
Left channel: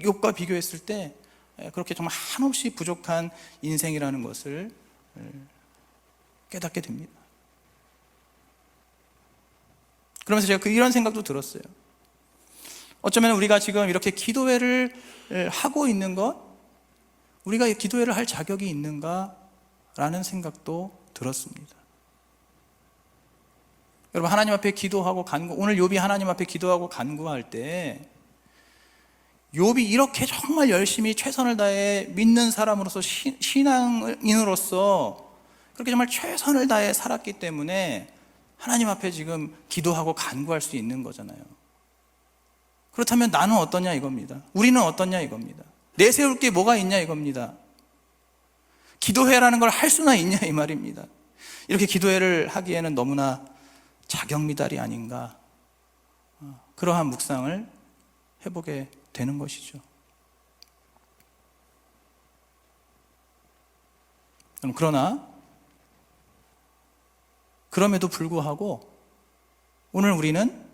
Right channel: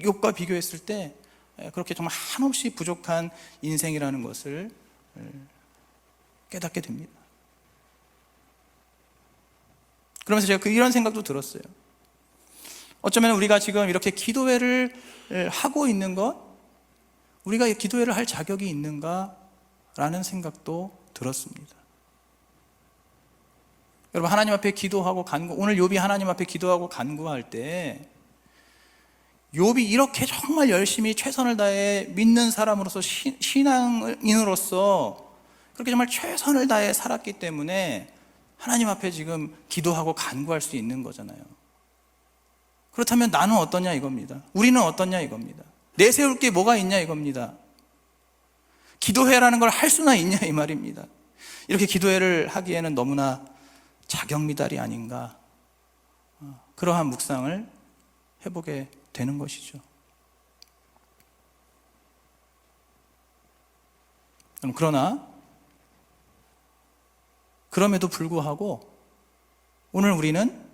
욥과 비교했을 때 그렇게 정말 한없이 부족한 인생이라는 것을 깨닫게 됩니다. 그러면서 제가 이런 생각도 들었어요. 어쩌면 우리가 지금 이렇게 기도회를 하고 있는 것, 우리가 기도회를 할 자격이 있는가라는 생각도 들었습니다. 여러분, 하나님 앞에 기도하고 오늘 욥이 하나님 앞에 기도하고 간구할 때 욥이 이렇게 정말 열심히 최선을 다해 믿는 사람으로서 신앙인으로서 그렇게 정말 최선을 다해 살았기 때문에 하나님 앞에 지금 기도하고 간구할 수 있는 거잖아요. 그렇다면 나는 어떠냐 이겁니다. 우리는 어떠냐 이겁니다. 내세울 게 뭐가 있냐 이겁니다. 기도회라는 걸 할 수나 있냐 이 말입니다. 이렇게 기도회를 하기에는 너무나 자격미달이 아닌가, 그러한 묵상을 해보게 되는 것이죠. 그러나 그럼에도 불구하고 오늘 우리는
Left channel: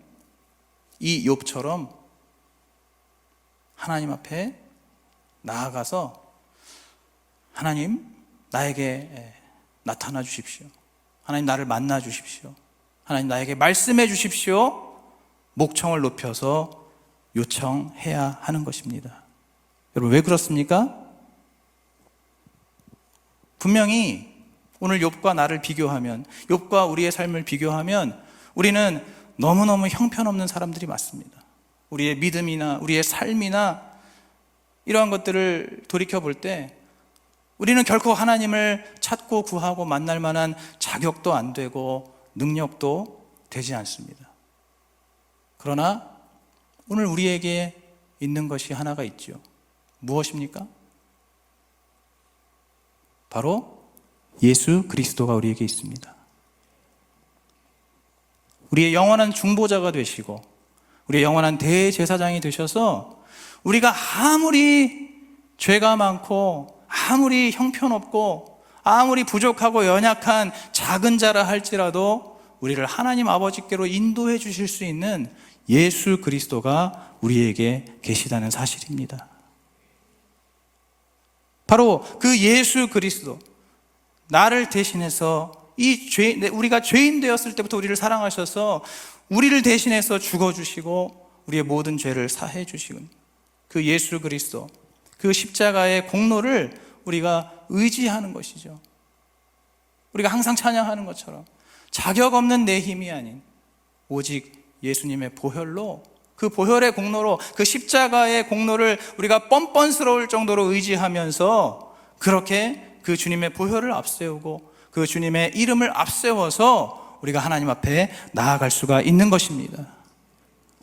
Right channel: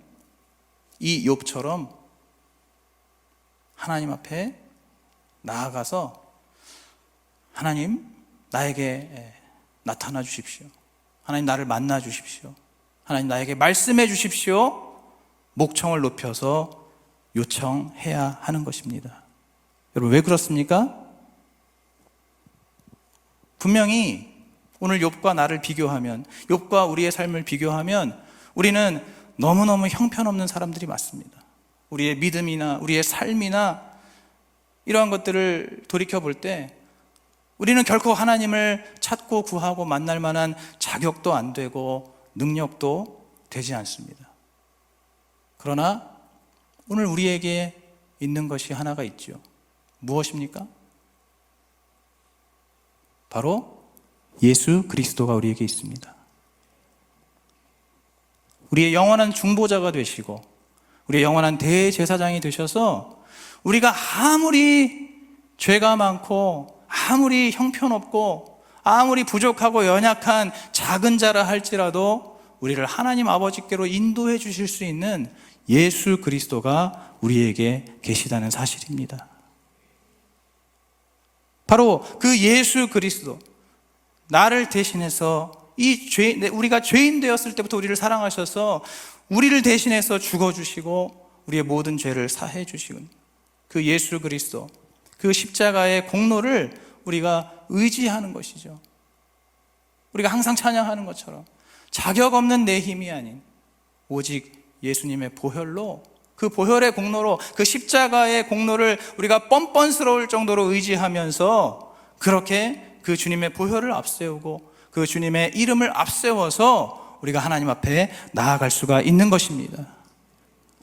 이 욥처럼 하나님 앞에 나아가서 하나님, 나에게 나타나 주십시오. 하나님, 나를 만나 주십시오. 하나님, 나에게 말씀해 주십시오. 목청을 높여서 요청해야 하는 것입니다. 여러분, 왜 그렇습니까? 분명히 오늘 욥과 나를 비교하면, 욥과 우리의 삶을 비교하면 우리는 너무너무 형편없는 사람들이 맞습니다. 우리의 믿음이나 우리의 삶이나 이러한 것들을 돌이켜볼 때 우리는 결코 하나님을 찾고 구하고 만날 만한 자격도 안 되고 능력도 되지 않습니다. 그러나 오늘 우리에게 있는 것이 하나가 있죠. 무엇입니까? 바로 예수 그리스도가 우리에게 있습니다. 우리의 영원한 중보자가 되시고 우리의 영원한 대제사장이 되셔서 우리가 아무리 죄가 많고 아무리 형편없고 아무리 부족하고 연약한 작은 자라 할지라도 우리를 하나님 아버지께로 인도해 주실 수 있는 예수 그리스도가 우리에게 계시다는 사실입니다. 바로 그 예수 그리스도, 나를 대신해서 우리가 죄인 되었을 때부터 우리를 사랑하셔서 우리를 대신해서 죽어주시고 우리의 모든 죄를 사해 주시는 그 예수 그리스도, 그 십자가의 공로를 우리가 의지하는 것이죠. 우리가 항상 찬양하는 것처럼 자격 없는 내 힘이 아닌 오직 예수님의 보혈로, 그 보혈의 공로로, 그 십자가의 공로를 우리가 뻔뻔스러울 정도로 의지하면서 그렇게 그 주님의 보혈을 앞세우고 그 주님의 이름을 앞세워서 우리가 하나님 앞에 나아갈 수가 있는 것입니다.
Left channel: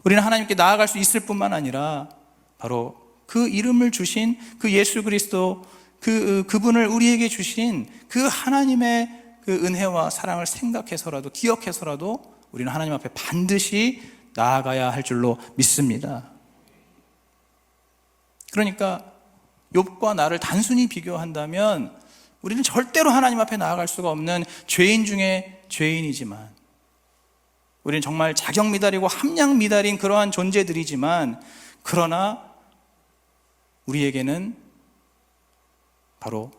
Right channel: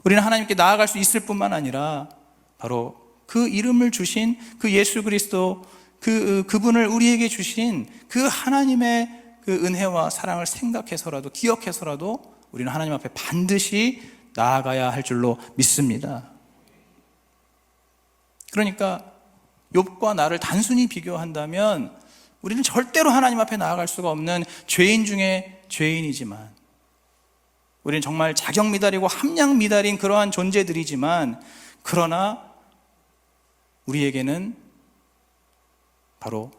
우리는 하나님께 나아갈 수 있을 뿐만 아니라 바로 그 이름을 주신 그 예수 그리스도, 그분을 우리에게 주신 그 하나님의 그 은혜와 사랑을 생각해서라도, 기억해서라도 우리는 하나님 앞에 반드시 나아가야 할 줄로 믿습니다. 그러니까 욥과 나를 단순히 비교한다면 우리는 절대로 하나님 앞에 나아갈 수가 없는 죄인 중에 죄인이지만, 우리는 정말 자격 미달이고 함량 미달인 그러한 존재들이지만, 그러나 우리에게는 바로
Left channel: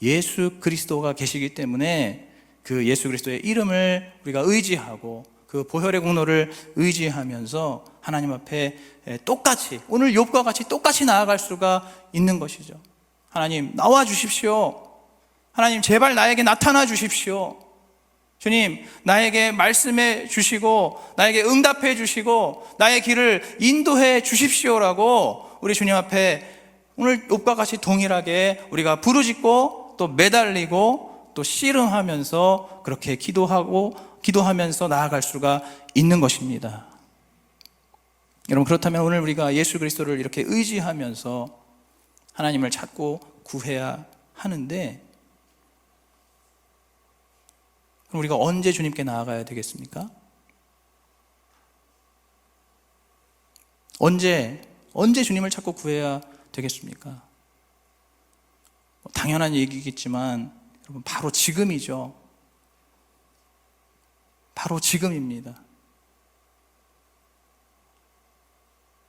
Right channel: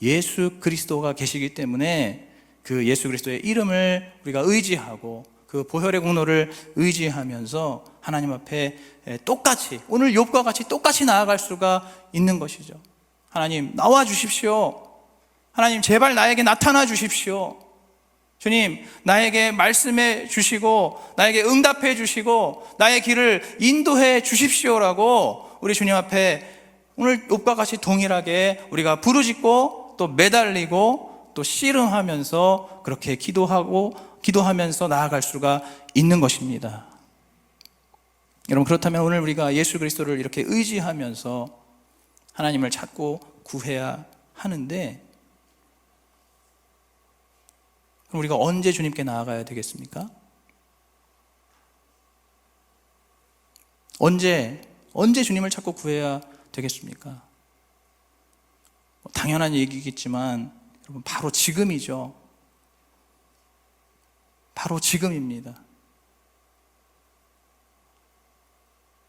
예수 그리스도가 계시기 때문에 그 예수 그리스도의 이름을 우리가 의지하고 그 보혈의 공로를 의지하면서 하나님 앞에 똑같이, 오늘 욥과 같이 똑같이 나아갈 수가 있는 것이죠. 하나님, 나와 주십시오. 하나님, 제발 나에게 나타나 주십시오. 주님, 나에게 말씀해 주시고 나에게 응답해 주시고 나의 길을 인도해 주십시오라고 우리 주님 앞에 오늘 욥과 같이 동일하게 우리가 부르짖고 또 매달리고 또 씨름하면서 그렇게 기도하면서 나아갈 수가 있는 것입니다. 여러분, 그렇다면 오늘 우리가 예수 그리스도를 이렇게 의지하면서 하나님을 찾고 구해야 하는데, 그럼 우리가 언제 주님께 나아가야 되겠습니까? 언제 주님을 찾고 구해야 되겠습니까? 당연한 얘기겠지만 여러분, 바로 지금이죠. 바로 지금입니다.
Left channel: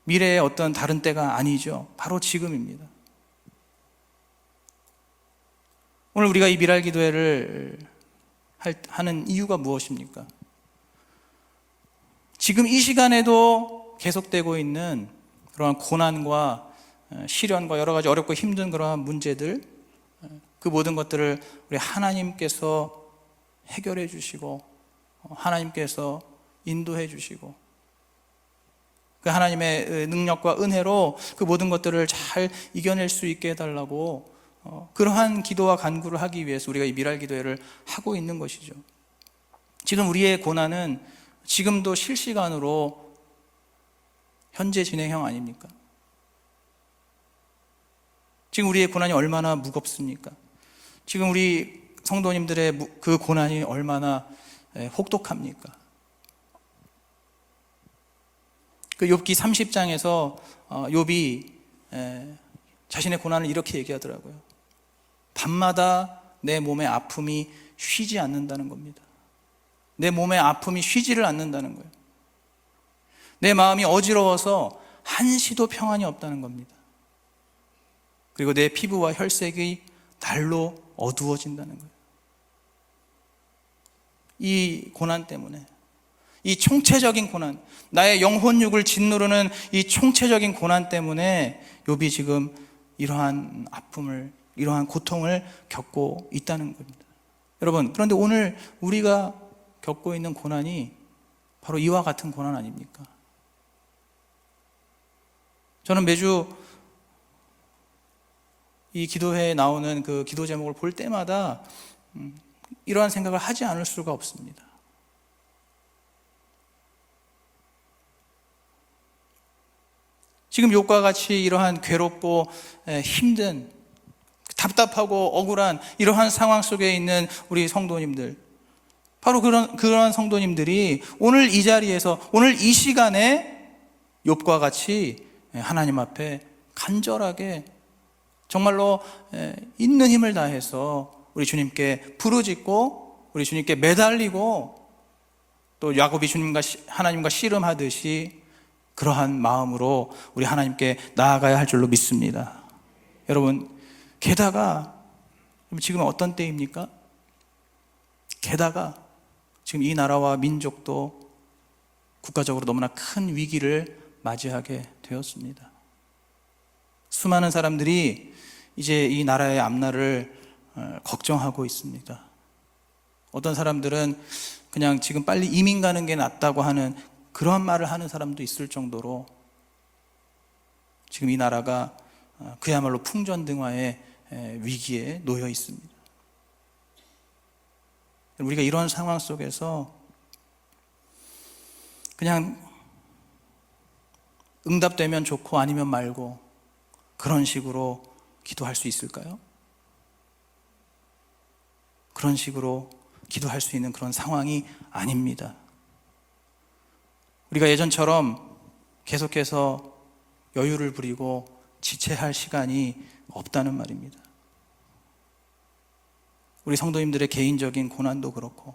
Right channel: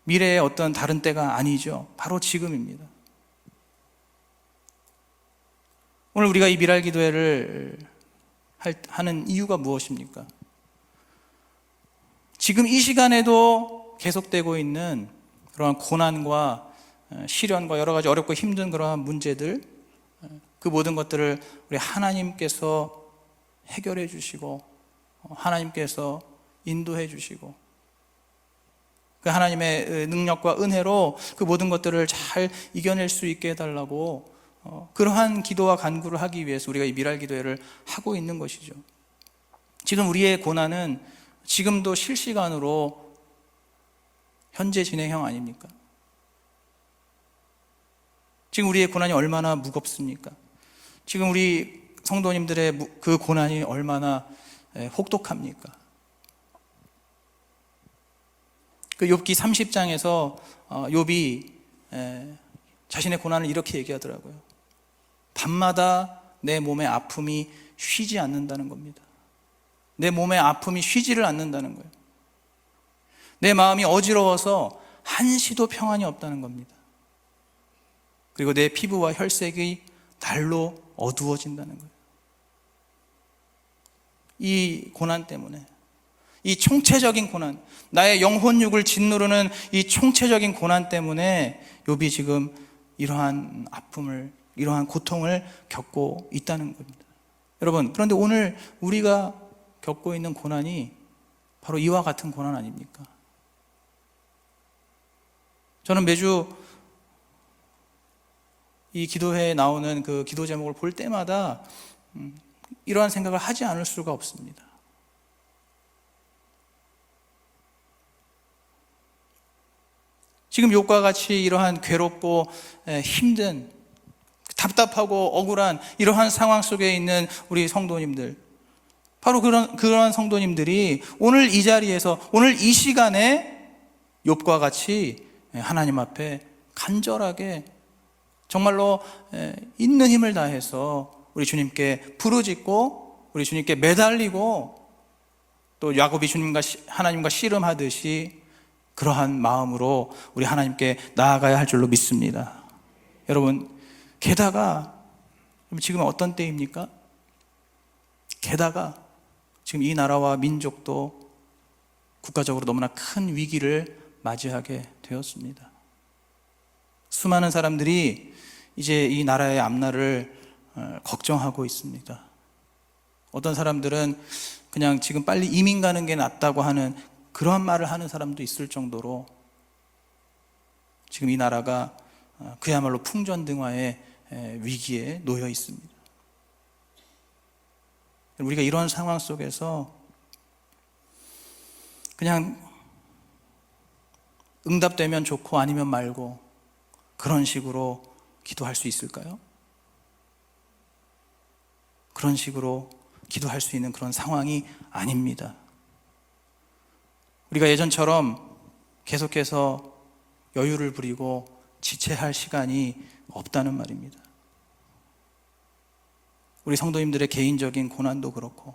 미래의 어떤 다른 때가 아니죠. 바로 지금입니다. 오늘 우리가 이 미랄 기도회를 하는 이유가 무엇입니까? 지금 이 시간에도 계속되고 있는 그러한 고난과 시련과 여러 가지 어렵고 힘든 그러한 문제들, 그 모든 것들을 우리 하나님께서 해결해 주시고 하나님께서 인도해 주시고 그 하나님의 능력과 은혜로 그 모든 것들을 잘 이겨낼 수 있게 해달라고 그러한 기도와 간구를 하기 위해서 우리가 이 미랄 기도회를 하고 있는 것이죠. 지금 우리의 고난은 지금도 실시간으로 현재 진행형 아닙니까? 지금 우리의 고난이 얼마나 무겁습니까? 지금 우리 성도님들의 그 고난이 얼마나 혹독합니까? 그 욥기 30장에서 욥이 자신의 고난을 이렇게 얘기하더라고요. 밤마다 내 몸의 아픔이 쉬지 않는다는 겁니다. 내 몸의 아픔이 쉬지를 않는다는 거예요. 내 마음이 어지러워서 한시도 평안이 없다는 겁니다. 그리고 내 피부와 혈색이 날로 어두워진다는 거예요. 이 고난 때문에, 이 총체적인 고난, 나의 영혼육을 짓누르는 이 총체적인 고난 때문에 욥이 지금 이러한 아픔을, 이러한 고통을 겪고 있다는 겁니다. 여러분, 그런데 오늘 우리가 겪고 있는 고난이 바로 이와 같은 고난 아닙니까? 저는 매주 이 기도회에 나오는 그 기도 제목을 볼 때마다 이러한 생각을 하지 않을 수가 없습니다. 지금 욥과 같이 이러한 괴롭고 힘든, 답답하고 억울한 이러한 상황 속에 있는 우리 성도님들, 바로 그러한 성도님들이 오늘 이 자리에서, 오늘 이 시간에 욥과 같이 하나님 앞에 간절하게 정말로 있는 힘을 다해서 우리 주님께 부르짖고 우리 주님께 매달리고 또 야곱이 주님과 하나님과 씨름하듯이 그러한 마음으로 우리 하나님께 나아가야 할 줄로 믿습니다. 여러분, 게다가 지금 어떤 때입니까? 게다가 지금 이 나라와 민족도 국가적으로 너무나 큰 위기를 맞이하게 되었습니다. 수많은 사람들이 이제 이 나라의 앞날을 걱정하고 있습니다. 어떤 사람들은 그냥 지금 빨리 이민 가는 게 낫다고 하는 그런 말을 하는 사람도 있을 정도로 지금 이 나라가 그야말로 풍전등화의 위기에 놓여 있습니다. 우리가 이런 상황 속에서 그냥 응답되면 좋고 아니면 말고 그런 식으로 기도할 수 있을까요? 그런 식으로 기도할 수 있는 그런 상황이 아닙니다. 우리가 예전처럼 계속해서 여유를 부리고 지체할 시간이 없다는 말입니다. 우리 성도님들의 개인적인 고난도 그렇고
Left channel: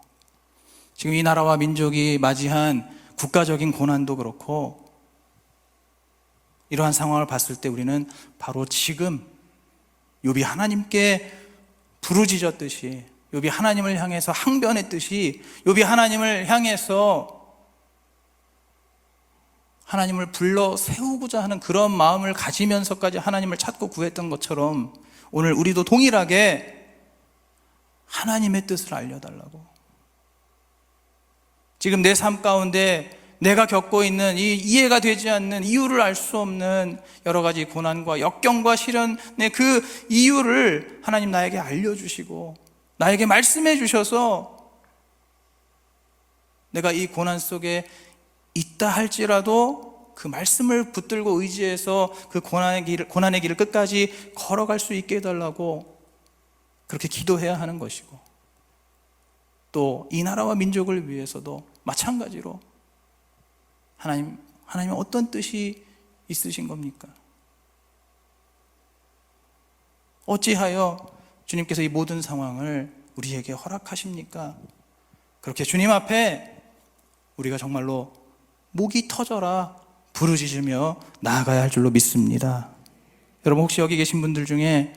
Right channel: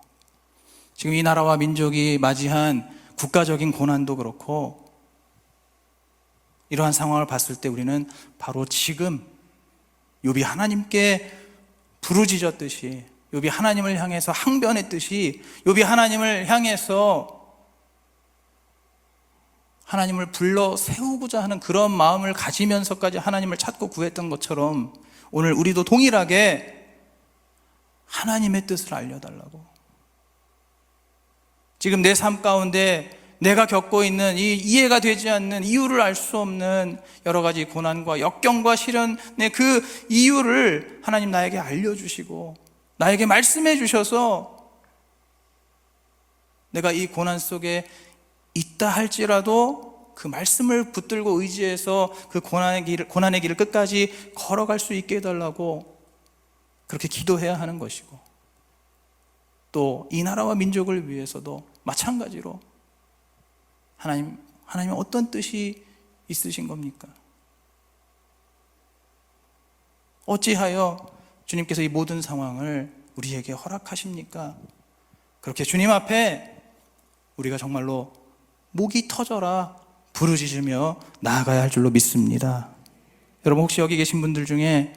지금 이 나라와 민족이 맞이한 국가적인 고난도 그렇고 이러한 상황을 봤을 때 우리는 바로 지금 욥이 하나님께 부르짖었듯이, 욥이 하나님을 향해서 항변했듯이, 욥이 하나님을 향해서 하나님을 불러 세우고자 하는 그런 마음을 가지면서까지 하나님을 찾고 구했던 것처럼 오늘 우리도 동일하게 하나님의 뜻을 알려달라고, 지금 내 삶 가운데 내가 겪고 있는 이 이해가 되지 않는, 이유를 알 수 없는 여러 가지 고난과 역경과 시련의 그 이유를 하나님 나에게 알려주시고 나에게 말씀해 주셔서 내가 이 고난 속에 있다 할지라도 그 말씀을 붙들고 의지해서 그 고난의 길을 끝까지 걸어갈 수 있게 해달라고 그렇게 기도해야 하는 것이고, 또 이 나라와 민족을 위해서도 마찬가지로 하나님은 어떤 뜻이 있으신 겁니까? 어찌하여 주님께서 이 모든 상황을 우리에게 허락하십니까? 그렇게 주님 앞에 우리가 정말로 목이 터져라 부르짖으며 나아가야 할 줄로 믿습니다. 여러분, 혹시 여기 계신 분들 중에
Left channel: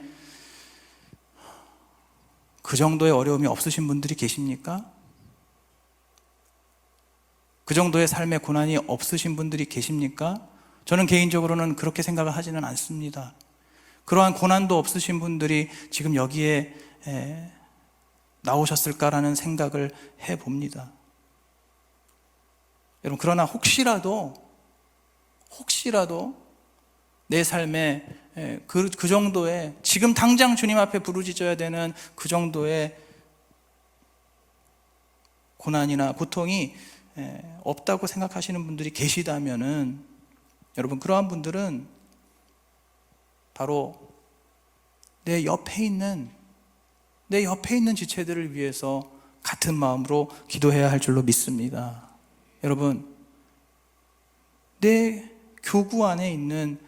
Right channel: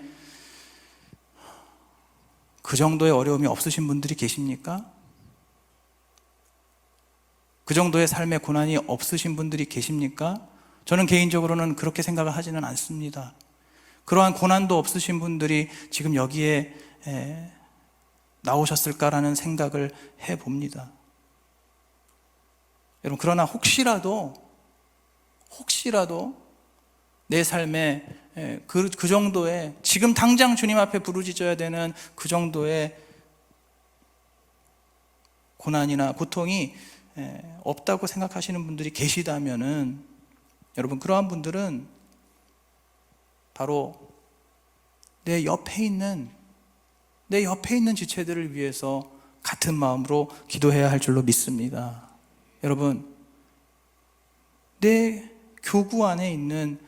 그 정도의 어려움이 없으신 분들이 계십니까? 그 정도의 삶의 고난이 없으신 분들이 계십니까? 저는 개인적으로는 그렇게 생각을 하지는 않습니다. 그러한 고난도 없으신 분들이 지금 여기에 나오셨을까라는 생각을 해봅니다. 여러분, 그러나 혹시라도 내 삶에 그 정도의, 지금 당장 주님 앞에 부르짖어야 되는 그 정도의 고난이나 고통이 없다고 생각하시는 분들이 계시다면은, 여러분, 그러한 분들은 바로 내 옆에 있는 지체들을 위해서 같은 마음으로 기도해야 할 줄로 믿습니다. 여러분, 내 교구 안에 있는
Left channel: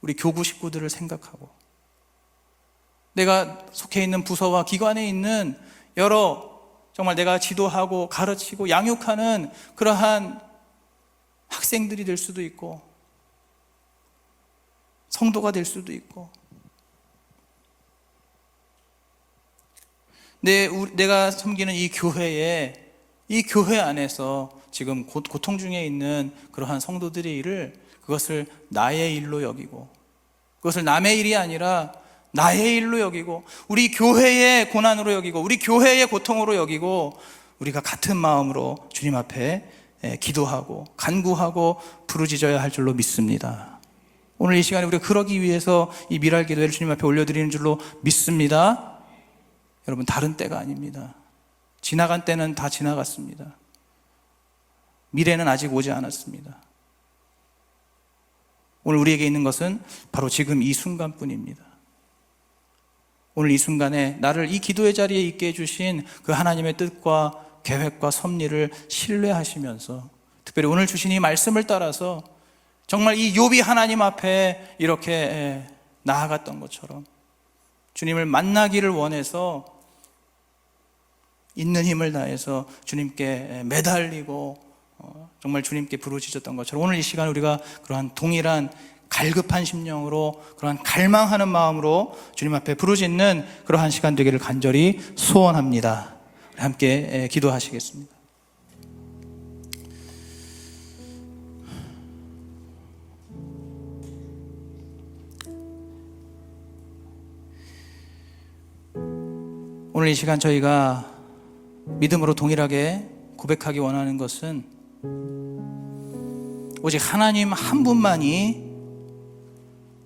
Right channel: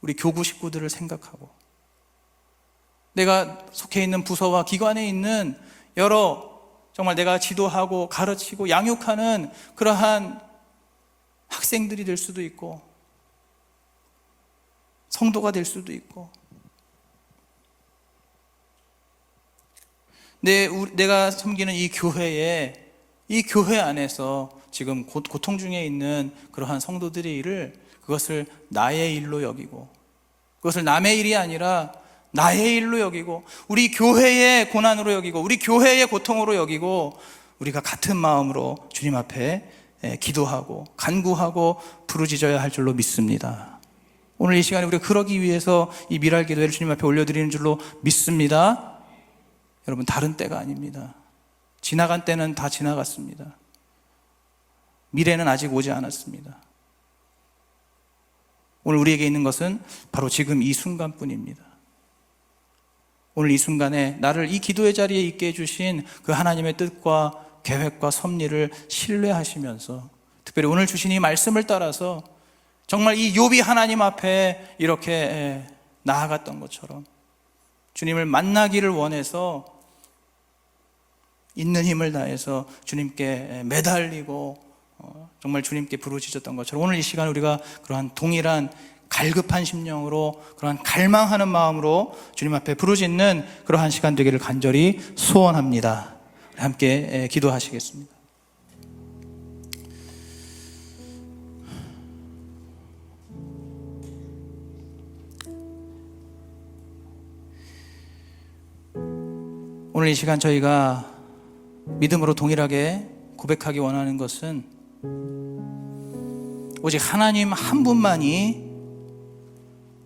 우리 교구 식구들을 생각하고, 내가 속해 있는 부서와 기관에 있는 여러, 정말 내가 지도하고 가르치고 양육하는 그러한 학생들이 될 수도 있고, 성도가 될 수도 있고, 내가 섬기는 이 교회 안에서 지금 고통 중에 있는 그러한 성도들의 일을, 그것을 나의 일로 여기고, 그것을 남의 일이 아니라 나의 일로 여기고, 우리 교회의 고난으로 여기고, 우리 교회의 고통으로 여기고, 우리가 같은 마음으로 주님 앞에 기도하고 간구하고 부르짖어야 할 줄로 믿습니다. 오늘 이 시간에 우리가 그러기 위해서 이 미랄 기도회를 주님 앞에 올려드리는 줄로 믿습니다. 여러분, 다른 때가 아닙니다. 지나간 때는 다 지나갔습니다. 미래는 아직 오지 않았습니다. 오늘 우리에게 있는 것은 바로 지금 이 순간뿐입니다. 오늘 이 순간에 나를 이 기도의 자리에 있게 해주신 그 하나님의 뜻과 계획과 섭리를 신뢰하시면서, 특별히 오늘 주신 이 말씀을 따라서 정말 이 욥이 하나님 앞에 이렇게 나아갔던 것처럼 주님을 만나기를 원해서 있는 힘을 다해서 주님께 매달리고 정말 주님께 부르짖었던 것처럼, 오늘 이 시간 우리가 그러한 동일한 갈급한 심령으로, 그러한 갈망하는 마음으로 주님 앞에 부르짖는 그러한 시간 되기를 간절히 소원합니다. 함께 기도하시겠습니다. 오늘 이 시간 저희가 믿음으로 동일하게 고백하기 원하는 것은, 오직 하나님 한 분만이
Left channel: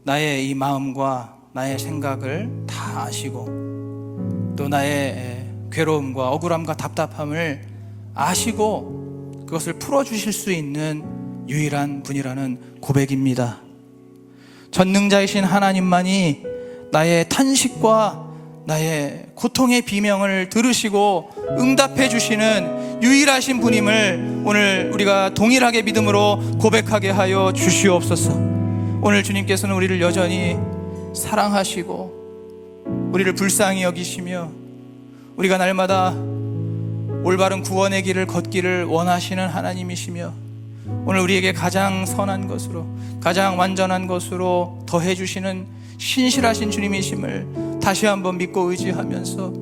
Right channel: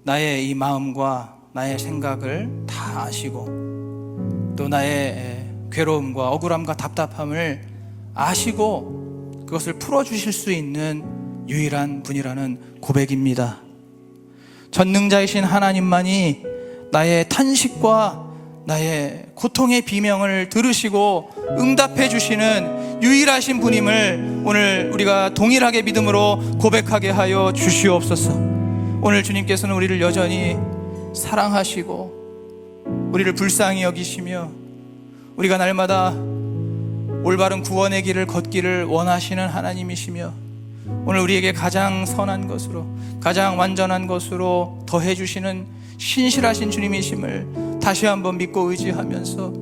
나의 이 마음과 나의 생각을 다 아시고, 또 나의 괴로움과 억울함과 답답함을 아시고 그것을 풀어주실 수 있는 유일한 분이라는 고백입니다. 전능자이신 하나님만이 나의 탄식과 나의 고통의 비명을 들으시고 응답해 주시는 유일하신 분임을 오늘 우리가 동일하게 믿음으로 고백하게 하여 주시옵소서. 오늘 주님께서는 우리를 여전히 사랑하시고 우리를 불쌍히 여기시며 우리가 날마다 올바른 구원의 길을 걷기를 원하시는 하나님이시며, 오늘 우리에게 가장 선한 것으로, 가장 완전한 것으로 더해주시는 신실하신 주님이심을 다시 한번 믿고 의지하면서,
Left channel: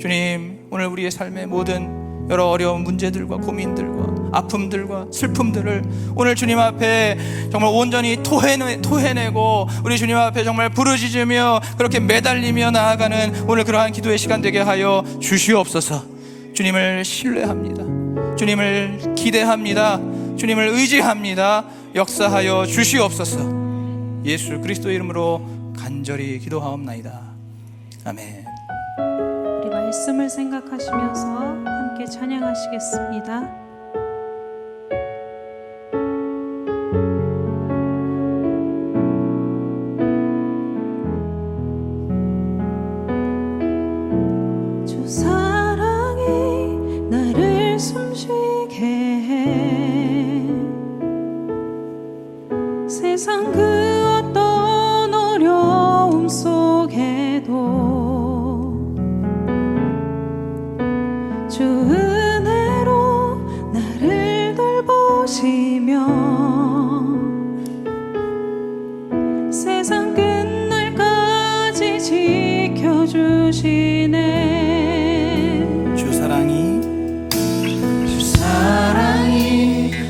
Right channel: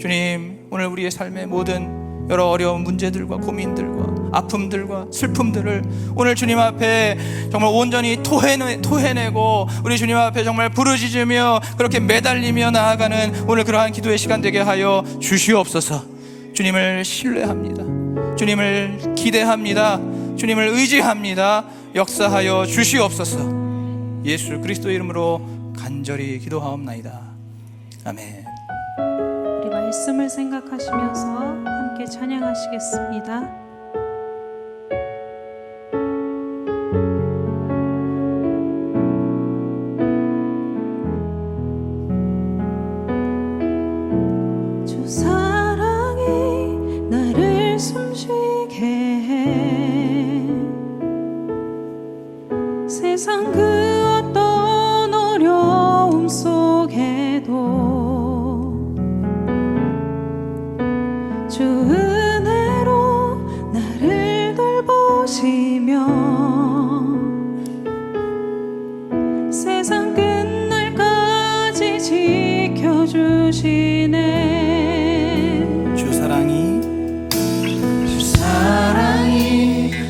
주님, 오늘 우리의 삶의 모든 여러 어려운 문제들과 고민들과 아픔들과 슬픔들을 오늘 주님 앞에 정말 온전히 토해내고 우리 주님 앞에 정말 부르짖으며 그렇게 매달리며 나아가는 오늘 그러한 기도의 시간 되게 하여 주시옵소서. 주님을 신뢰합니다. 주님을 기대합니다. 주님을 의지합니다. 역사하여 주시옵소서. 예수 그리스도의 이름으로 간절히 기도하옵나이다. 아멘. 우리 말씀을 생각하시면서 함께 찬양하시겠습니다. 주 사랑이 나를 숨쉬게 해 세상 그 어떤 어려움 속에도 주 은혜로 나를 돌보시네 지켜주시네. 주 사랑이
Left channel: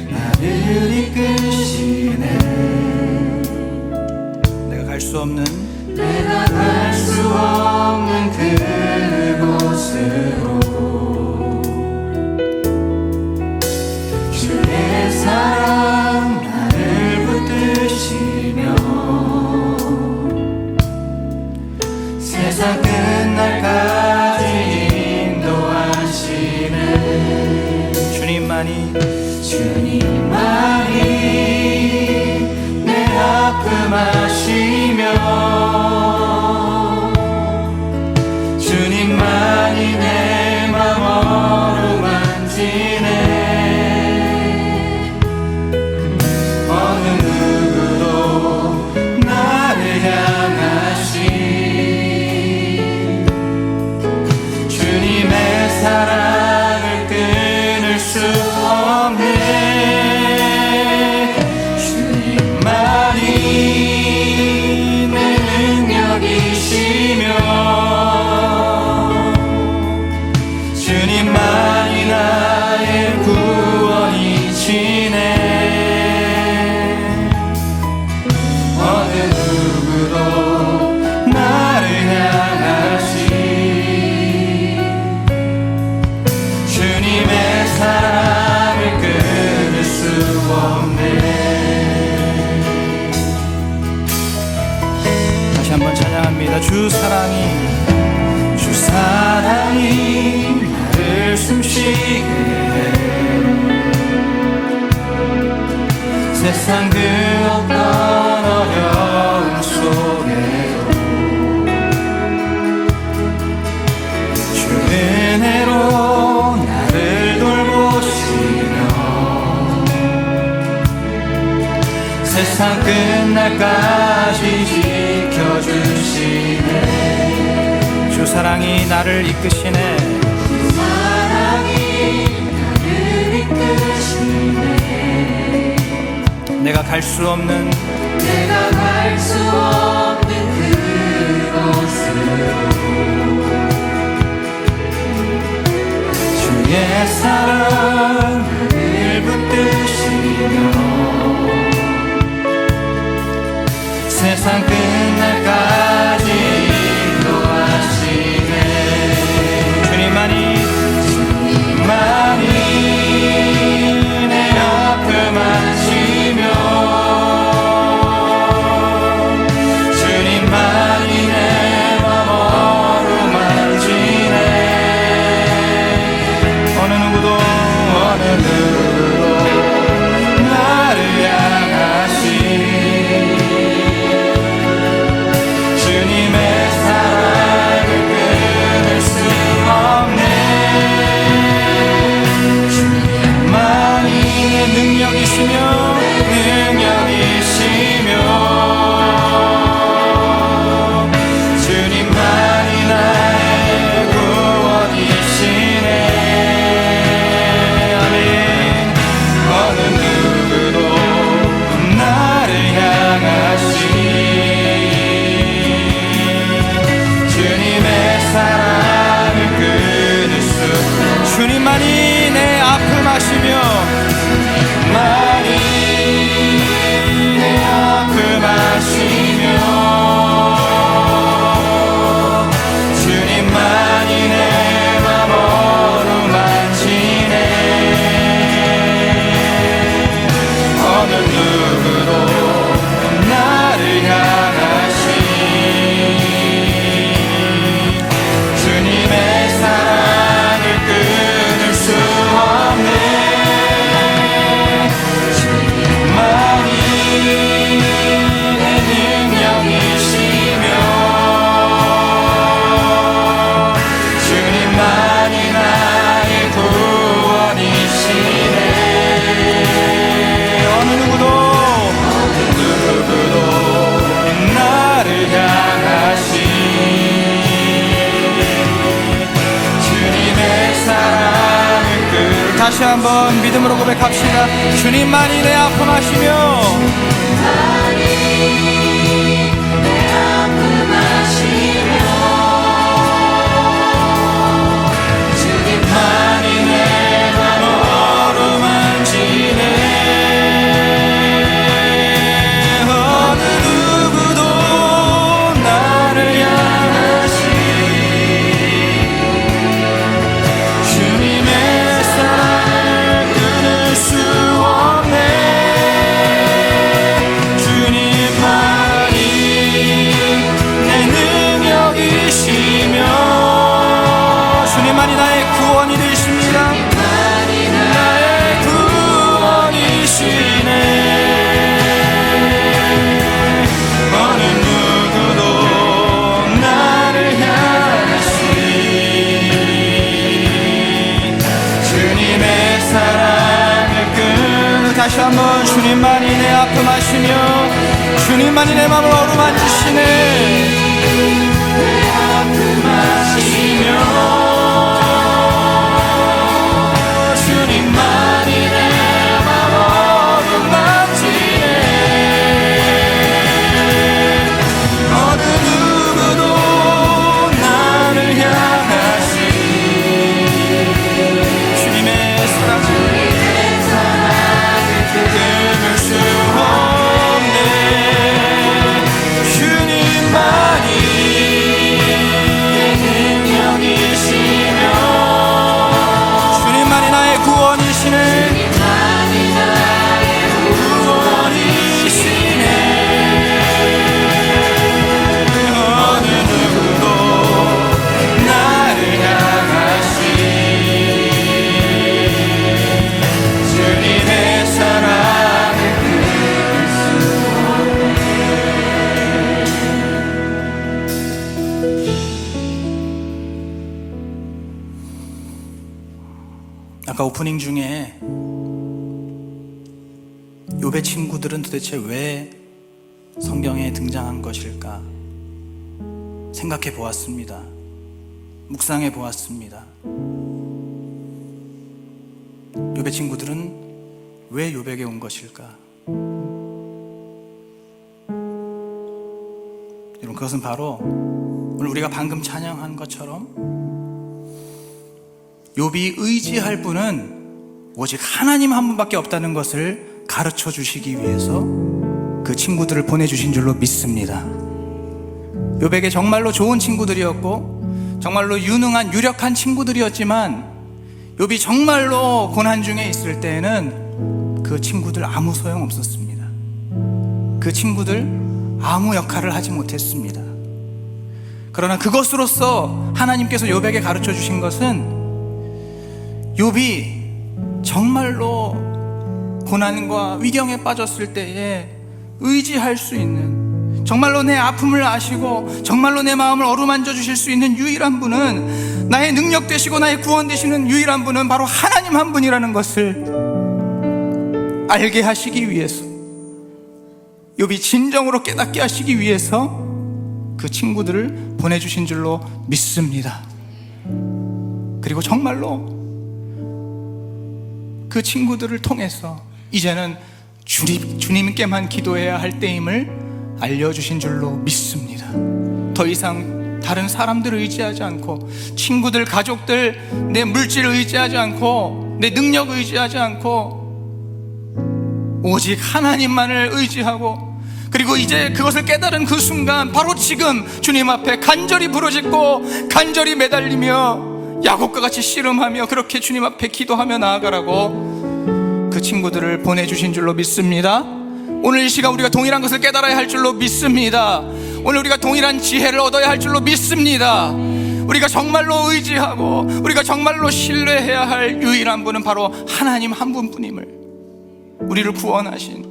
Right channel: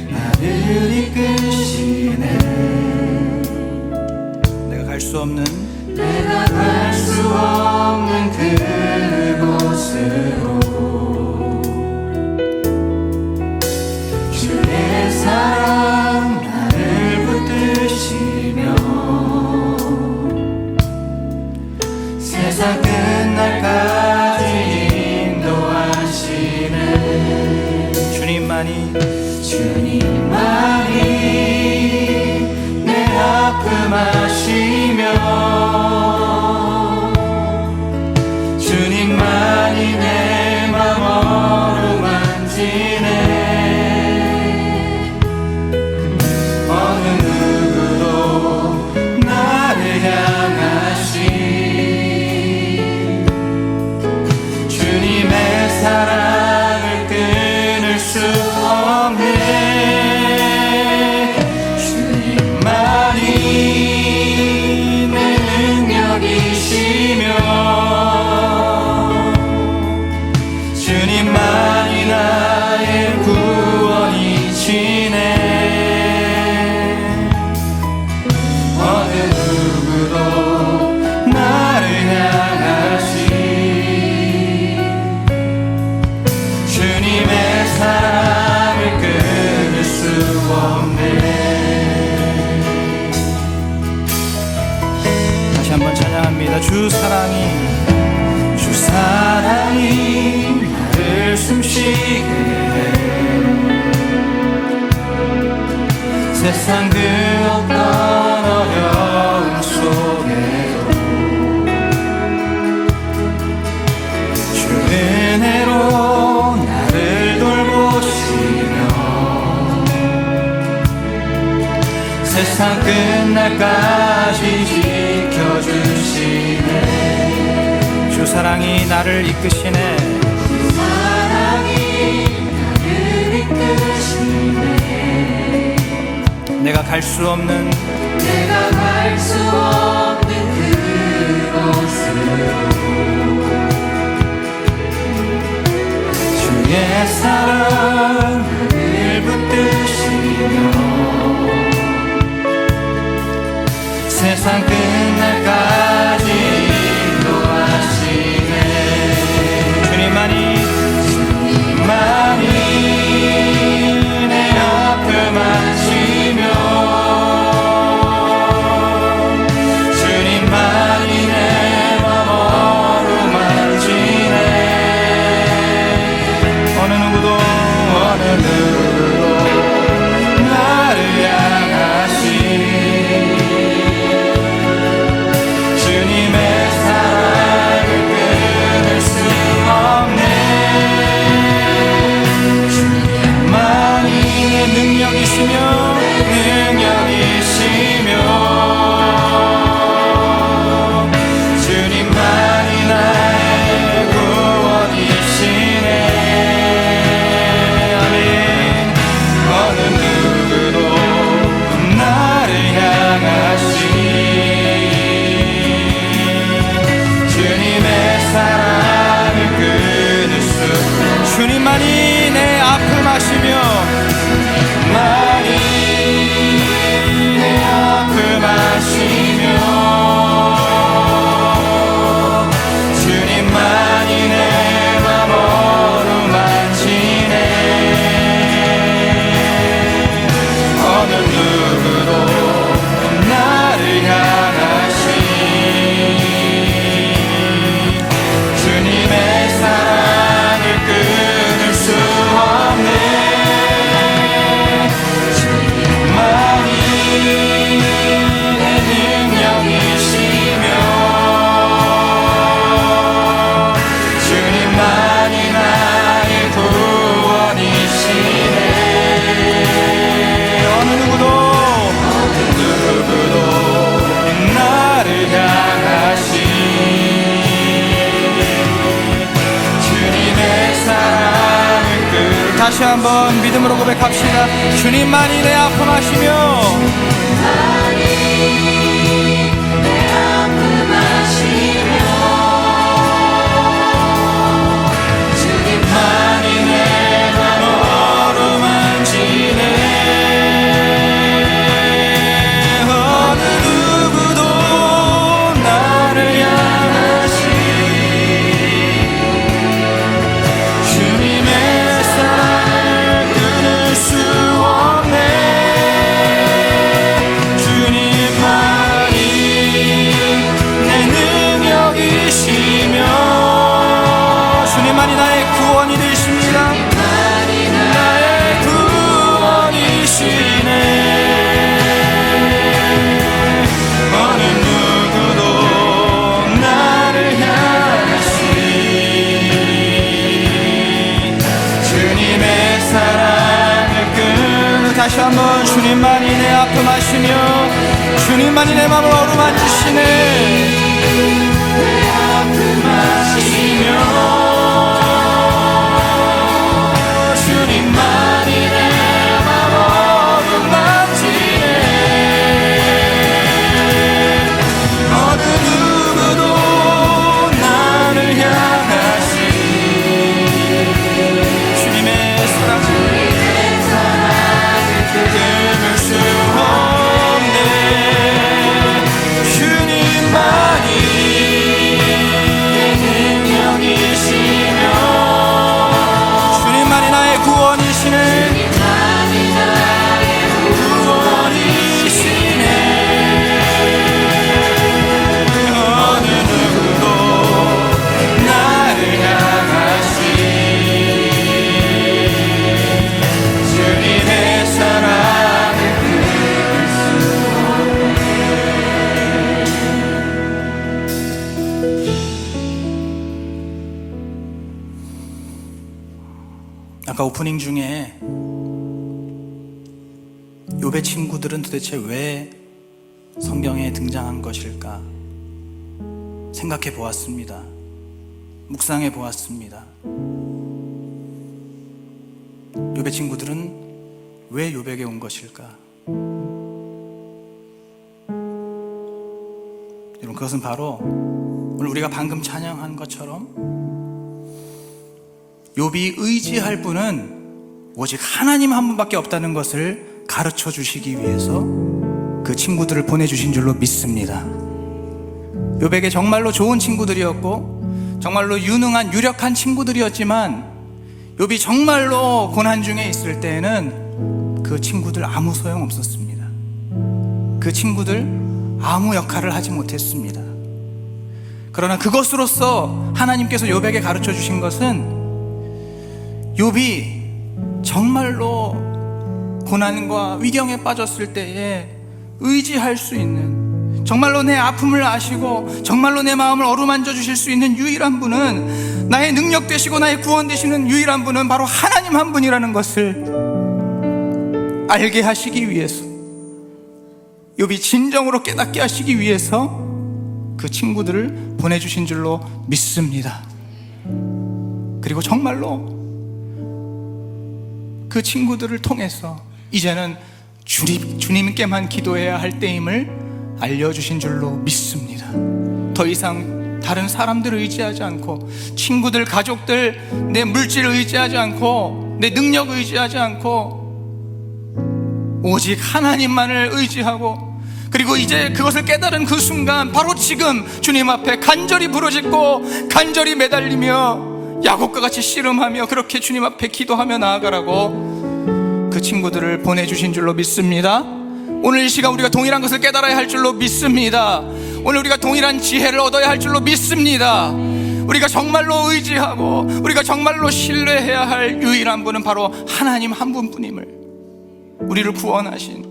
나를 이끄시네. 내가 갈 수 없는 그곳으로 주의 사랑 나를 붙드시며 세상 끝날까지 인도하시네. 주님만이 내 아픔 아시며 주님만이 내 맘 어루만지네. 어느 누구도 나를 향하시 주님의 사랑을 끊을 수 없네. 주님만이 내 능력이시며 주님만이 나의 구원이시네. 어느 누구도 나를 향하시 주님의 사랑을 끊을 수 없네. 다시 한번 찬양합니다. 주 사랑이 나를 숨쉬게 해. 세상 그 어떤 어려움 속에도 주 은혜로 나를 돌보시며 세상 끝날까지 지켜주시네. 주 사랑이 나를 이끄시네. 내가 갈 수 없는 그곳으로 주의 사랑 나를 붙드시며 세상 끝날까지 인도하시네. 주님만이 내 아픔 아시며 주님만이 내 맘 어루만지네. 어느 누구도 나를 향하시 아까 오프닝 중에 욥의 친구들은 도대체 왜 성경에 등장한 것일까 생각해 보았습니다. 묵상해 보았습니다. 욥의 친구들은 왜 욥에게 온 것일까? 여러분, 그것은 바로 오늘 우리가 방금 찬양한 것처럼 욥이 의지할 분은 오직 하나님 한 분밖에 없다는 것을 가르쳐 주시기 위해서 그 친구들을 보내주신 줄로 믿습니다. 욥에게 정말로 좋은 친구들이었고 정말로 유능한 유력한 친구들이었지만 욥이 정말로 고난 중에 있을 때에는 그 친구들 아무 소용 없었습니다. 그 친구들 아무 역할을 하지 못했습니다. 그러나 그것으로서 하나님께서 욥에게 가르쳐 주신 것은 욥이 정말로 고난과 위경에 빠졌을 때에 의지할 수 있는, 정말로 내 아픔을 아시고 정말로 내 마음을 어루만져 주실 수 있는 유일한 분은, 나의 능력 되시고 나의 구원 되시는 유일한 분은 바로 하나님 한 분이라는 것을 알게 하시기 위해서, 욥이 진정으로 깨닫게 하시기 위해서 그 친구들을 보내주신 줄로 믿습니다. 그리고 정말로 그 친구들을 통해서 이제는 주님께만 기도해야 할 때임을 알려주신 줄로 믿습니다. 더 이상 다른 사람들을 의지하지 않고, 친구들, 가족들, 내 물질을 의지하지 않고, 내 능력을 의지하지 않고 오직 하나님만을 의지하고, 그리고 이제 그것을 깨달은 그 순간 바로 지금 주님 앞에 간절히 부르짖고 간절히 매달리며 야곱과 같이 씨름하며 그렇게 주님 앞에 기도하며 나아가라고 그 친구들을 보내주신 줄로 믿습니다. 오늘 이 시간 우리가 동일한 것을 깨달아야 할 줄로 믿습니다. 오늘 우리가 동일한 지혜를 얻어야 할 줄로 믿습니다. 우리가 정말로 의지하고 우리가 정말로 신뢰해야 할 유일한 분은 바로 하나님 한 분뿐임을, 우리를 구원하신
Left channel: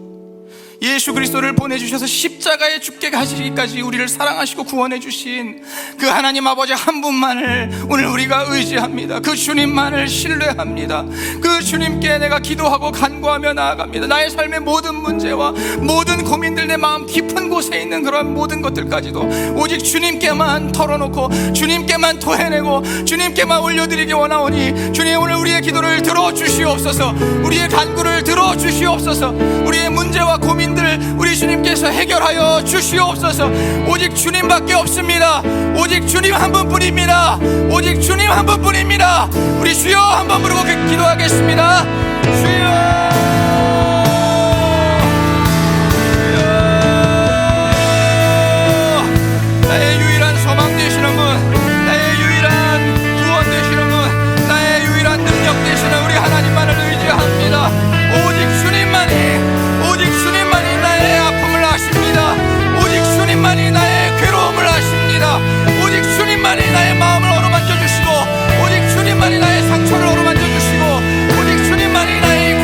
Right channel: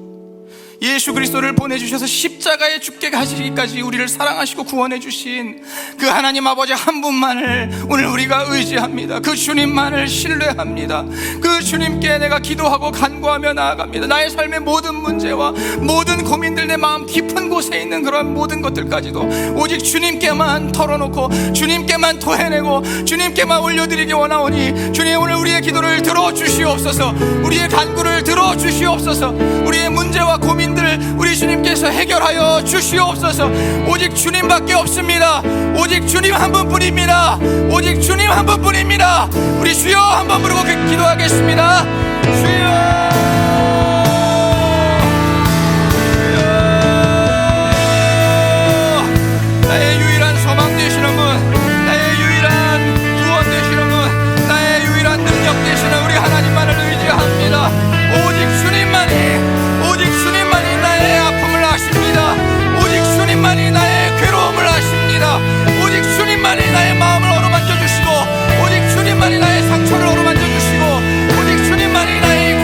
예수 그리스도를 보내주셔서 십자가에 죽게 가시기까지 우리를 사랑하시고 구원해 주신 그 하나님 아버지 한 분만을 오늘 우리가 의지합니다. 그 주님만을 신뢰합니다. 그 주님께 내가 기도하고 간구하며 나아갑니다. 나의 삶의 모든 문제와 모든 고민들, 내 마음 깊은 곳에 있는 그런 모든 것들까지도 오직 주님께만 털어놓고 주님께만 토해내고 주님께만 올려드리기 원하오니, 주님 오늘 우리의 기도를 들어주시옵소서. 우리의 간구를 들어주시옵소서. 우리의 문제와 고민 우리 주님께서 해결하여 주시옵소서. 오직 주님밖에 없습니다. 오직 주님 한 분뿐입니다. 오직 주님 한 분뿐입니다. 우리 주여 한번 부르고 기도하겠습니다. 주여, 나의 유일한 소망 되시는 분, 나의 유일한 구원 되시는 분, 나의 유일한 능력 되시는 우리 하나님만을 의지합니다. 오직 주님만이, 오직 주님만이 나의 아픔을 아십니다. 오직 주님만이 나의 괴로움을 아십니다. 오직 주님만이 나의 마음을 어루만져 주시고, 오직 주님만이 나의 상처를 어루만져 주시고, 오직 주님만이 나의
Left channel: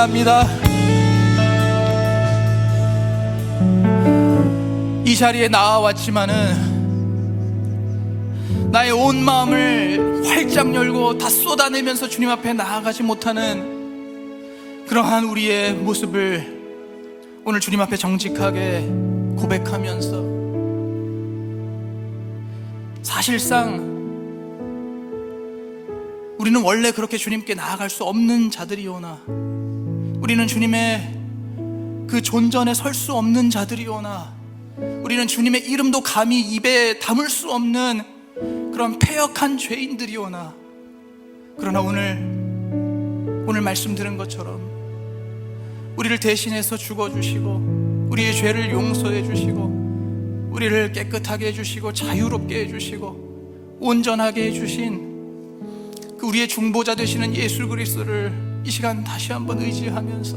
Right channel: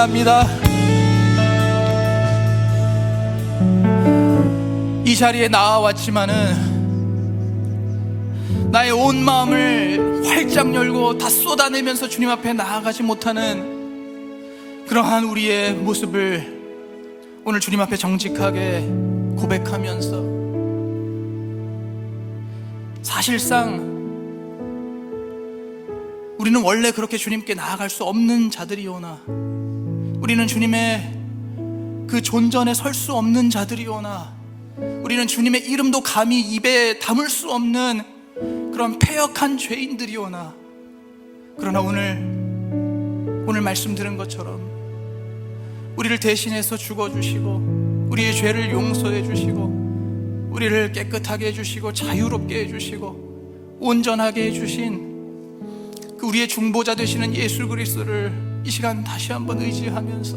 원합니다. 이 자리에 나와왔지만은 나의 온 마음을 활짝 열고 다 쏟아내면서 주님 앞에 나아가지 못하는 그러한 우리의 모습을 오늘 주님 앞에 정직하게 고백하면서, 사실상 우리는 원래 그렇게 주님께 나아갈 수 없는 자들이오나, 우리는 주님의 그 존전에 설 수 없는 자들이오나, 우리는 주님의 이름도 감히 입에 담을 수 없는 그런 패역한 죄인들이오나, 그러나 오늘 말씀 들은 것처럼 우리를 대신해서 죽어주시고 우리의 죄를 용서해 주시고 우리를 깨끗하게 해주시고 자유롭게 해주시고 온전하게 해주신 그 우리의 중보자 되시는 예수 그리스도를 이 시간 다시 한번 의지하면서,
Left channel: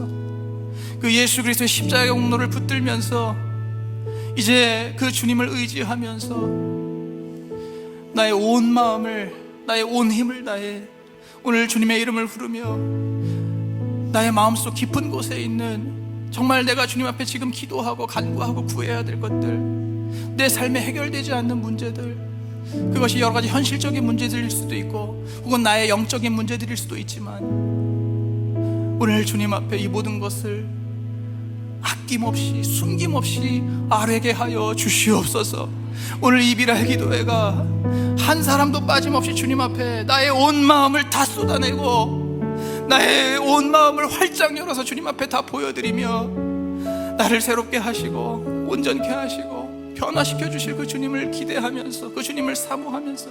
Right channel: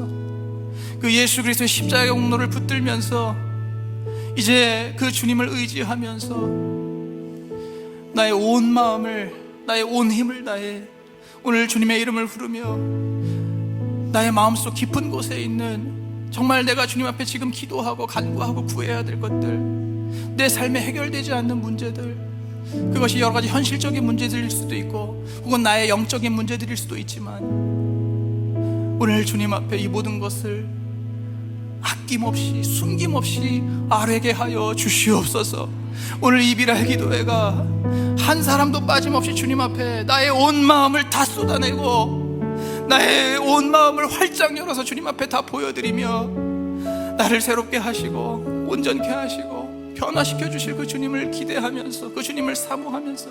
그 예수 그리스도의 십자가의 공로를 붙들면서 이제 그 주님을 의지하면서 나의 온 마음을, 나의 온 힘을 다해 오늘 주님의 이름을 부르며 나의 마음속 깊은 곳에 있는, 정말 내가 주님 앞에 지금 기도하고 간구하고 구해야 될 것들, 내 삶에 해결되지 않는 문제들, 그것이 여러 가지 현실적인 문제들일 수도 있고 혹은 나의 영적인 문제들일 수도 있지만, 오늘 주님 앞에 이 모든 것을 아낌없이 숨김없이 아뢰게 하여 주시옵소서. 오늘 이 비랄 기도회가 한 사람도 빠짐없이 주님 앞에 나의 온 마음을 다 쏟아내고 나의 온 마음을 활짝 열어서 주님 앞에 다 보여드리며 나를 새롭게 하시고 온전케 하시고 변화시켜 주실 그 주님을 기대하면서, 그 주님을 사모하면서,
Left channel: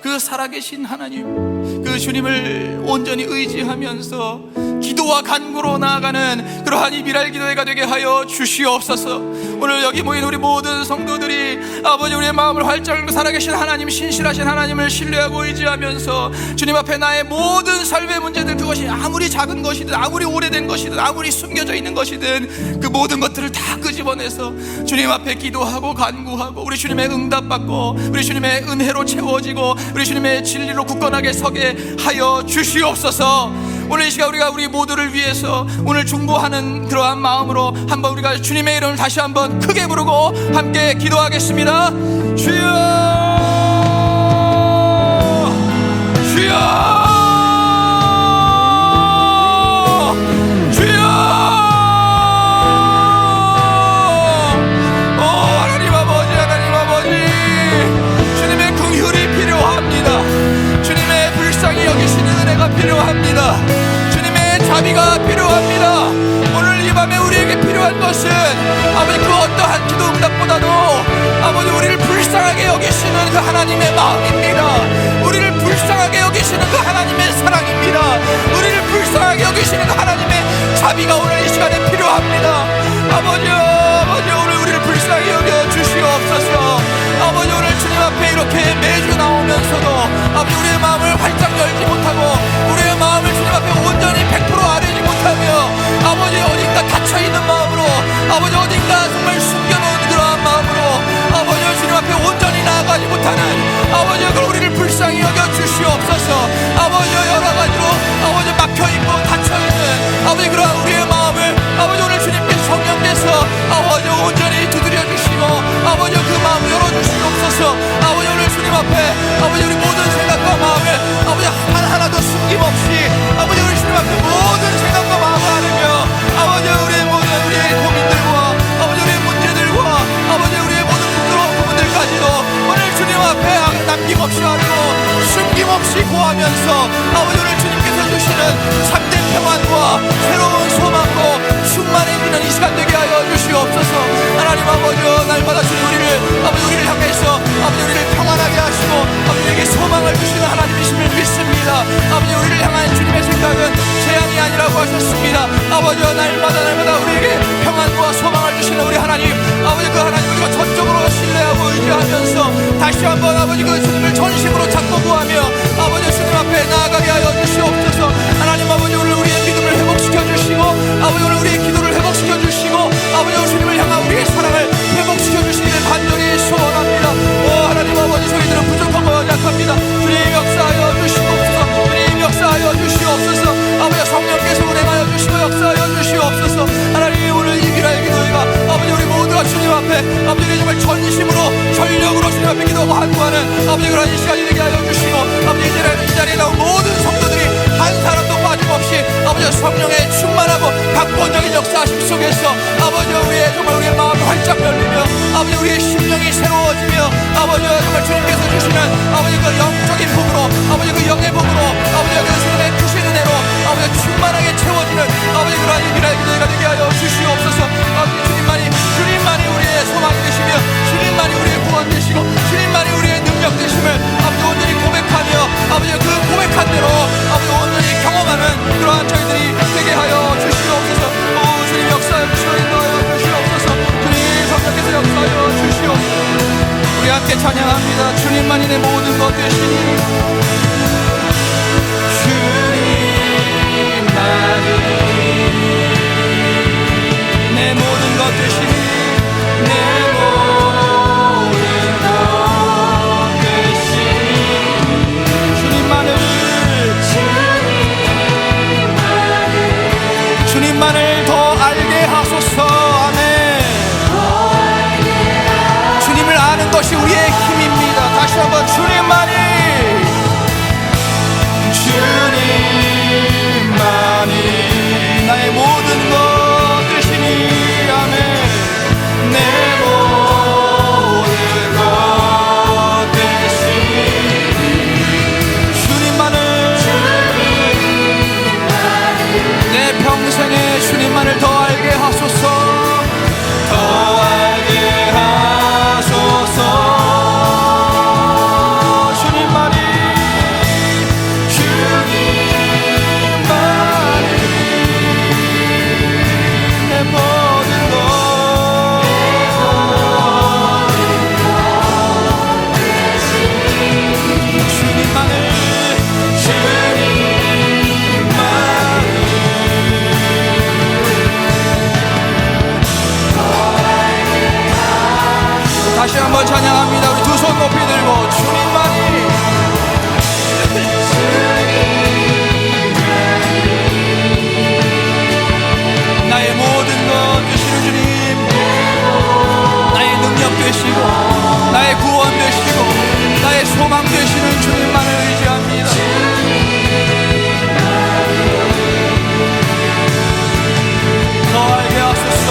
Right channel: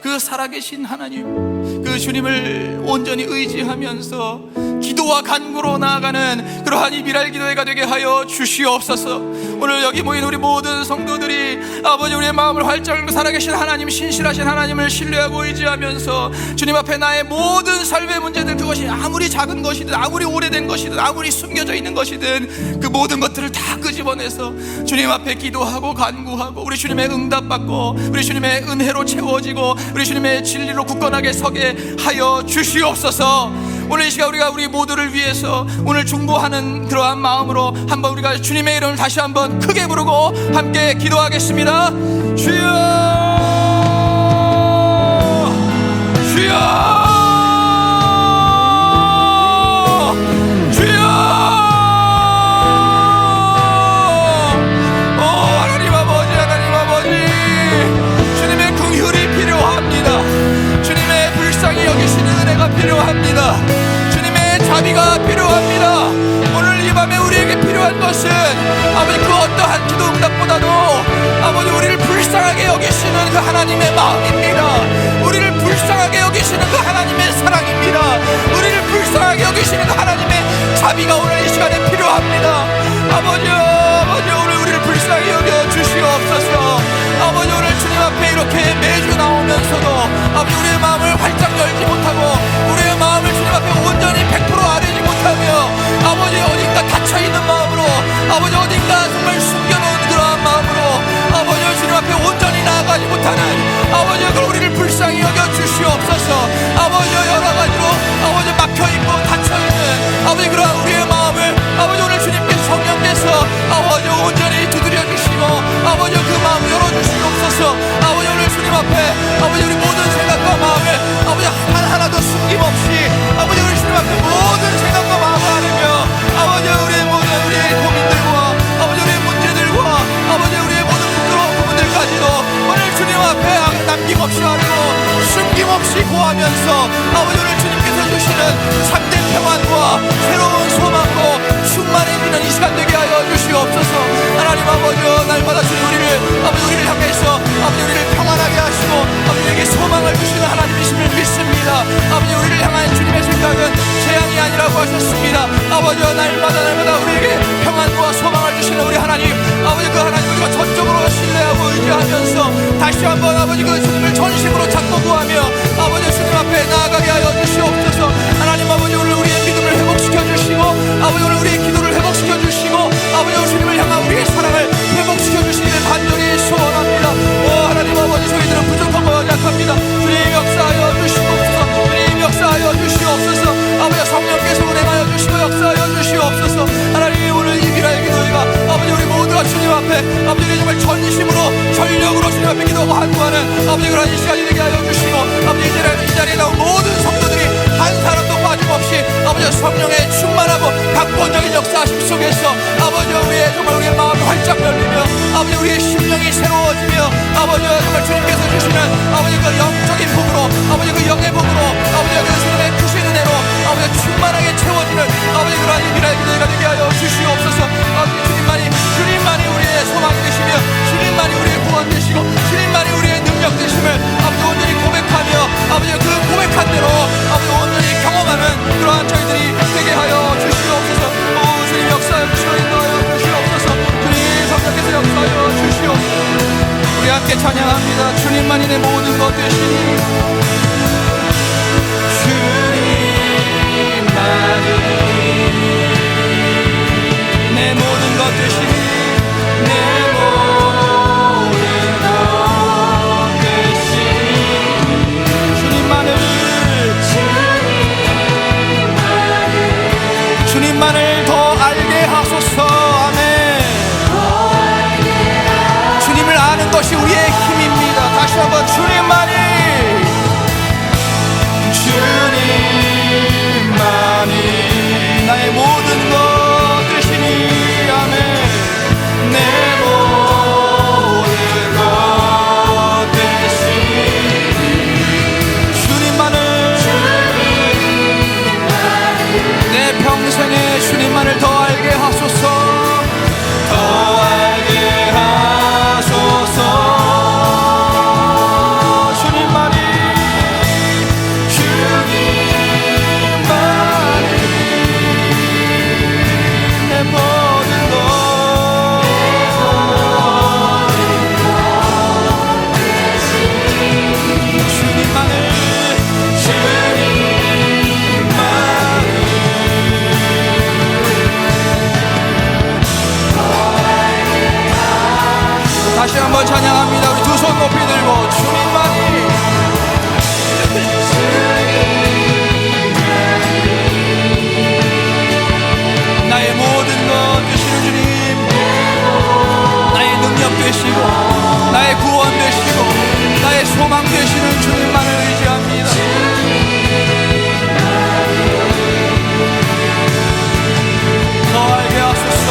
그 살아계신 하나님, 그 주님을 온전히 의지하면서 기도와 간구로 나아가는 그러한 이 비랄 기도회가 되게 하여 주시옵소서. 오늘 여기 모인 우리 모든 성도들이 아버지 우리의 마음을 활짝 열고 살아계신 하나님, 신실하신 하나님을 신뢰하고 의지하면서 주님 앞에 나의 모든 삶의 문제들, 그것이 아무리 작은 것이든 아무리 오래된 것이든 아무리 숨겨져 있는 것이든 그 모든 것들을 다 끄집어내서 주님 앞에 기도하고 간구하고 우리 주님의 응답받고 우리 주님의 은혜로 채워지고 우리 주님의 진리로 굳건하게 서게 하여 주시옵소서. 오늘 이 시간 우리가 우리 모두를 위해서 오늘 중보하는 그러한 마음으로 한번 우리가 주님의 이름을 다시 한번 크게 부르고 함께 기도하겠습니다. 주여, 주여, 주여. 하나님 아버지, 하나님 아버지, 주님의 긍휼이 필요합니다. 주님의 불쌍히 여기시는 은혜가 필요합니다. 자비가 필요합니다. 오늘 이 밤에 우리에게 필요한 것은 아버지 그 어떠한 기도 응답보다도 아버지 우리를 불쌍하게 여기시는 그 하나님의 마음입니다. 우리를 불쌍하게 여기시는 그 속에서 아버지 우리의 정말 우리의 마음이 활짝 열리며 아버지 우리의 심령이 새로워지며 아버지 정말 주님께서 주시는 아버지 그 영적인 복으로 아버지 그 영의 복으로 아버지 그 주님의 크신 은혜로 아버지 충만하게 채워지는 아버지 그러한 유일한 기도가 되게 하여 주시옵소서. 아버지 주님만이 우리의 소망 되시며 주님만이 우리의 구원 되시고 주님만이 우리의 능력 되심을 아버지 온전히 고백하며 아버지 그 고백한 대로 아버지 온전히 경험하는 그러한 저희들이 되게 하여 주시옵소서. 오 주님 역사하여 주시고 인도하여 주시옵소서. 주님 성령께서 역사하여 주시옵소서. 우리 함께 찬양합니다. 주님만이 내 모든 것 되시니 주님만을 더 알게 하소서. 아멘. 주님을 아는 것이 우리의 힘입니다. 다시 한번 주님만이 나의 모든 것 되시니 아멘. 내 모든 것 되시니 주님만을 내 평생에 주님만을 더 알게 하소서. 더 알게 하소서. 주님만이 내 모든 것 다시 한번 찬양합니다. 우리 두 손 높이 들고 주님만이 나의 모든 것 되시는 주님, 나의 능력 되시고 나의 구원 되시고 나의 소망 되시는 주님만을 의지합니다. 너에게 하소서.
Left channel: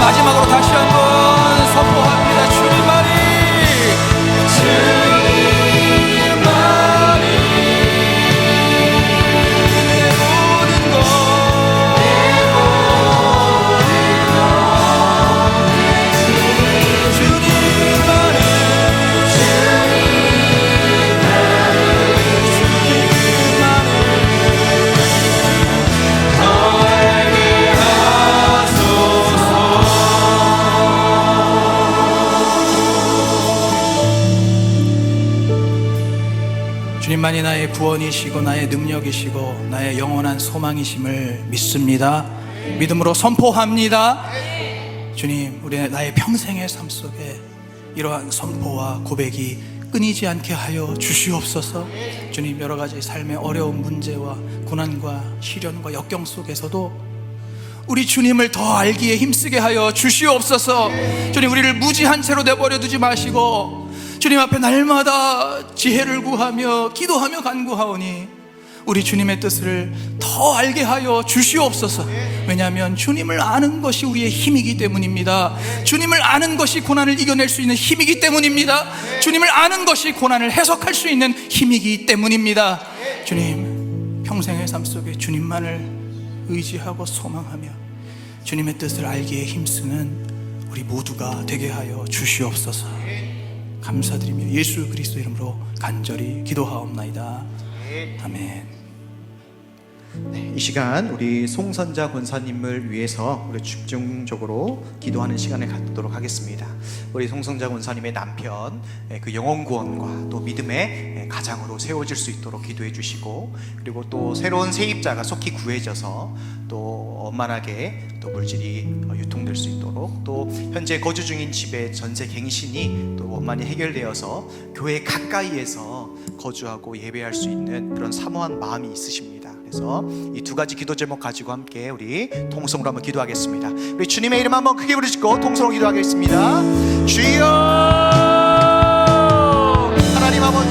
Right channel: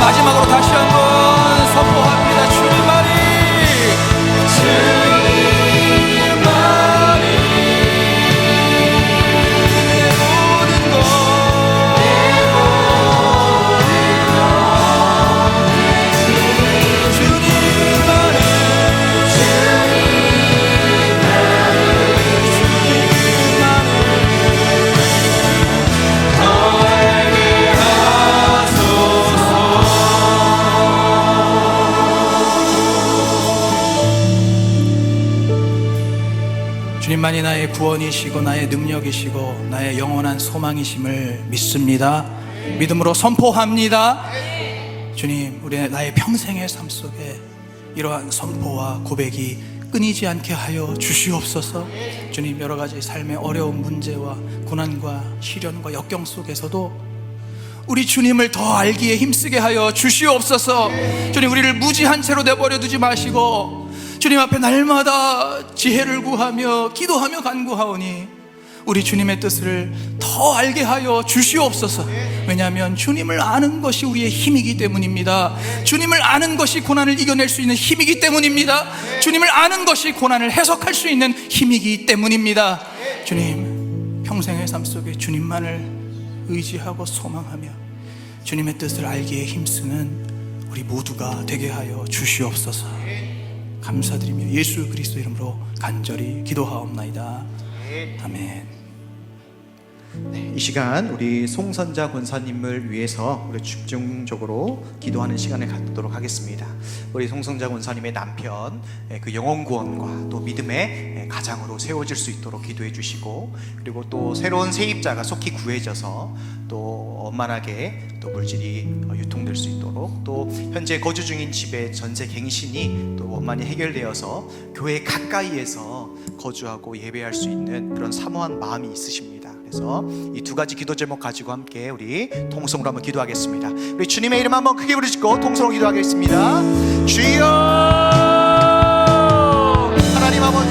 마지막으로 다시 한번 선포합니다. 주님만이 주님만이 나의 구원이시고 나의 능력이시고 나의 영원한 소망이심을 믿습니다. 믿음으로 선포합니다. 주님, 우리 나의 평생의 삶 속에 이러한 선포와 고백이 끊이지 않게 하여 주시옵소서. 주님, 여러 가지 삶의 어려운 문제와 고난과 시련과 역경 속에서도 우리 주님을 더 알기에 힘쓰게 하여 주시옵소서. 주님, 우리를 무지한 채로 내버려 두지 마시고 주님 앞에 날마다 지혜를 구하며 기도하며 간구하오니 우리 주님의 뜻을 더 알게 하여 주시옵소서. 왜냐하면 주님을 아는 것이 우리의 힘이기 때문입니다. 주님을 아는 것이 고난을 이겨낼 수 있는 힘이기 때문입니다. 주님을 아는 것이 고난을 해석할 수 있는 힘이기 때문입니다. 주님, 평생의 삶 속에 주님만을 의지하고 소망하며 주님의 뜻을 알기에 힘쓰는 우리 모두가 되게 하여 주시옵소서. 감사드리며 예수 그리스도 이름으로 간절히 기도하옵나이다. 아멘. 이 시간 우리 송선자 권사님을 위해서 우리 집중적으로 기도하는 시간을 갖도록 하겠습니다. 우리 송선자 권사님의 남편 그 영혼 구원과 또 믿음의 가장으로 세워질 수 있도록 기도해 주시고, 그리고 또 새로운 세입자가 속히 구해져서 또 원만하게 또 물질이 유통될 수 있도록, 또 현재 거주 중인 집의 전세 갱신이 또 원만히 해결되어서 교회 가까이에서 거주하고 예배할 수 있는 그런 사모한 마음이 있으십니다. 그래서 이 두 가지 기도 제목 가지고 함께 우리 통성으로 한번 기도하겠습니다. 우리 주님의 이름 한번 크게 부르시고 통성으로 기도하겠습니다. 주여, 하나님 아버지,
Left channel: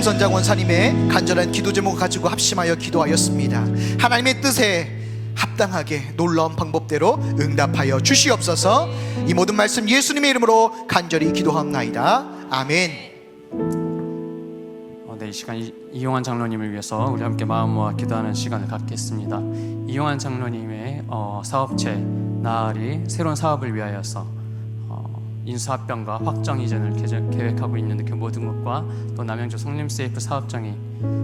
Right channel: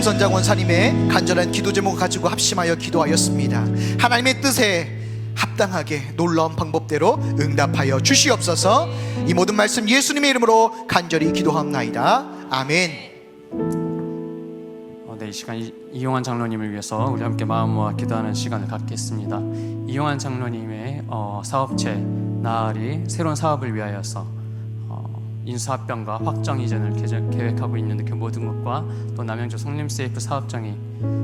송선자 권사님의 간절한 기도 제목을 가지고 합심하여 기도하였습니다. 하나님의 뜻에 합당하게 놀라운 방법대로 응답하여 주시옵소서. 이 모든 말씀 예수님의 이름으로 간절히 기도합나이다. 아멘. 네, 이 시간 이용환 장로님을 위해서 우리 함께 마음 모아 기도하는 시간을 갖겠습니다. 이용환 장로님의 사업체 나으리 새로운 사업을 위하여서 인수합병과 확정 이전을 계획하고 있는 그 모든 것과 또 남양주 송림세이프 사업장이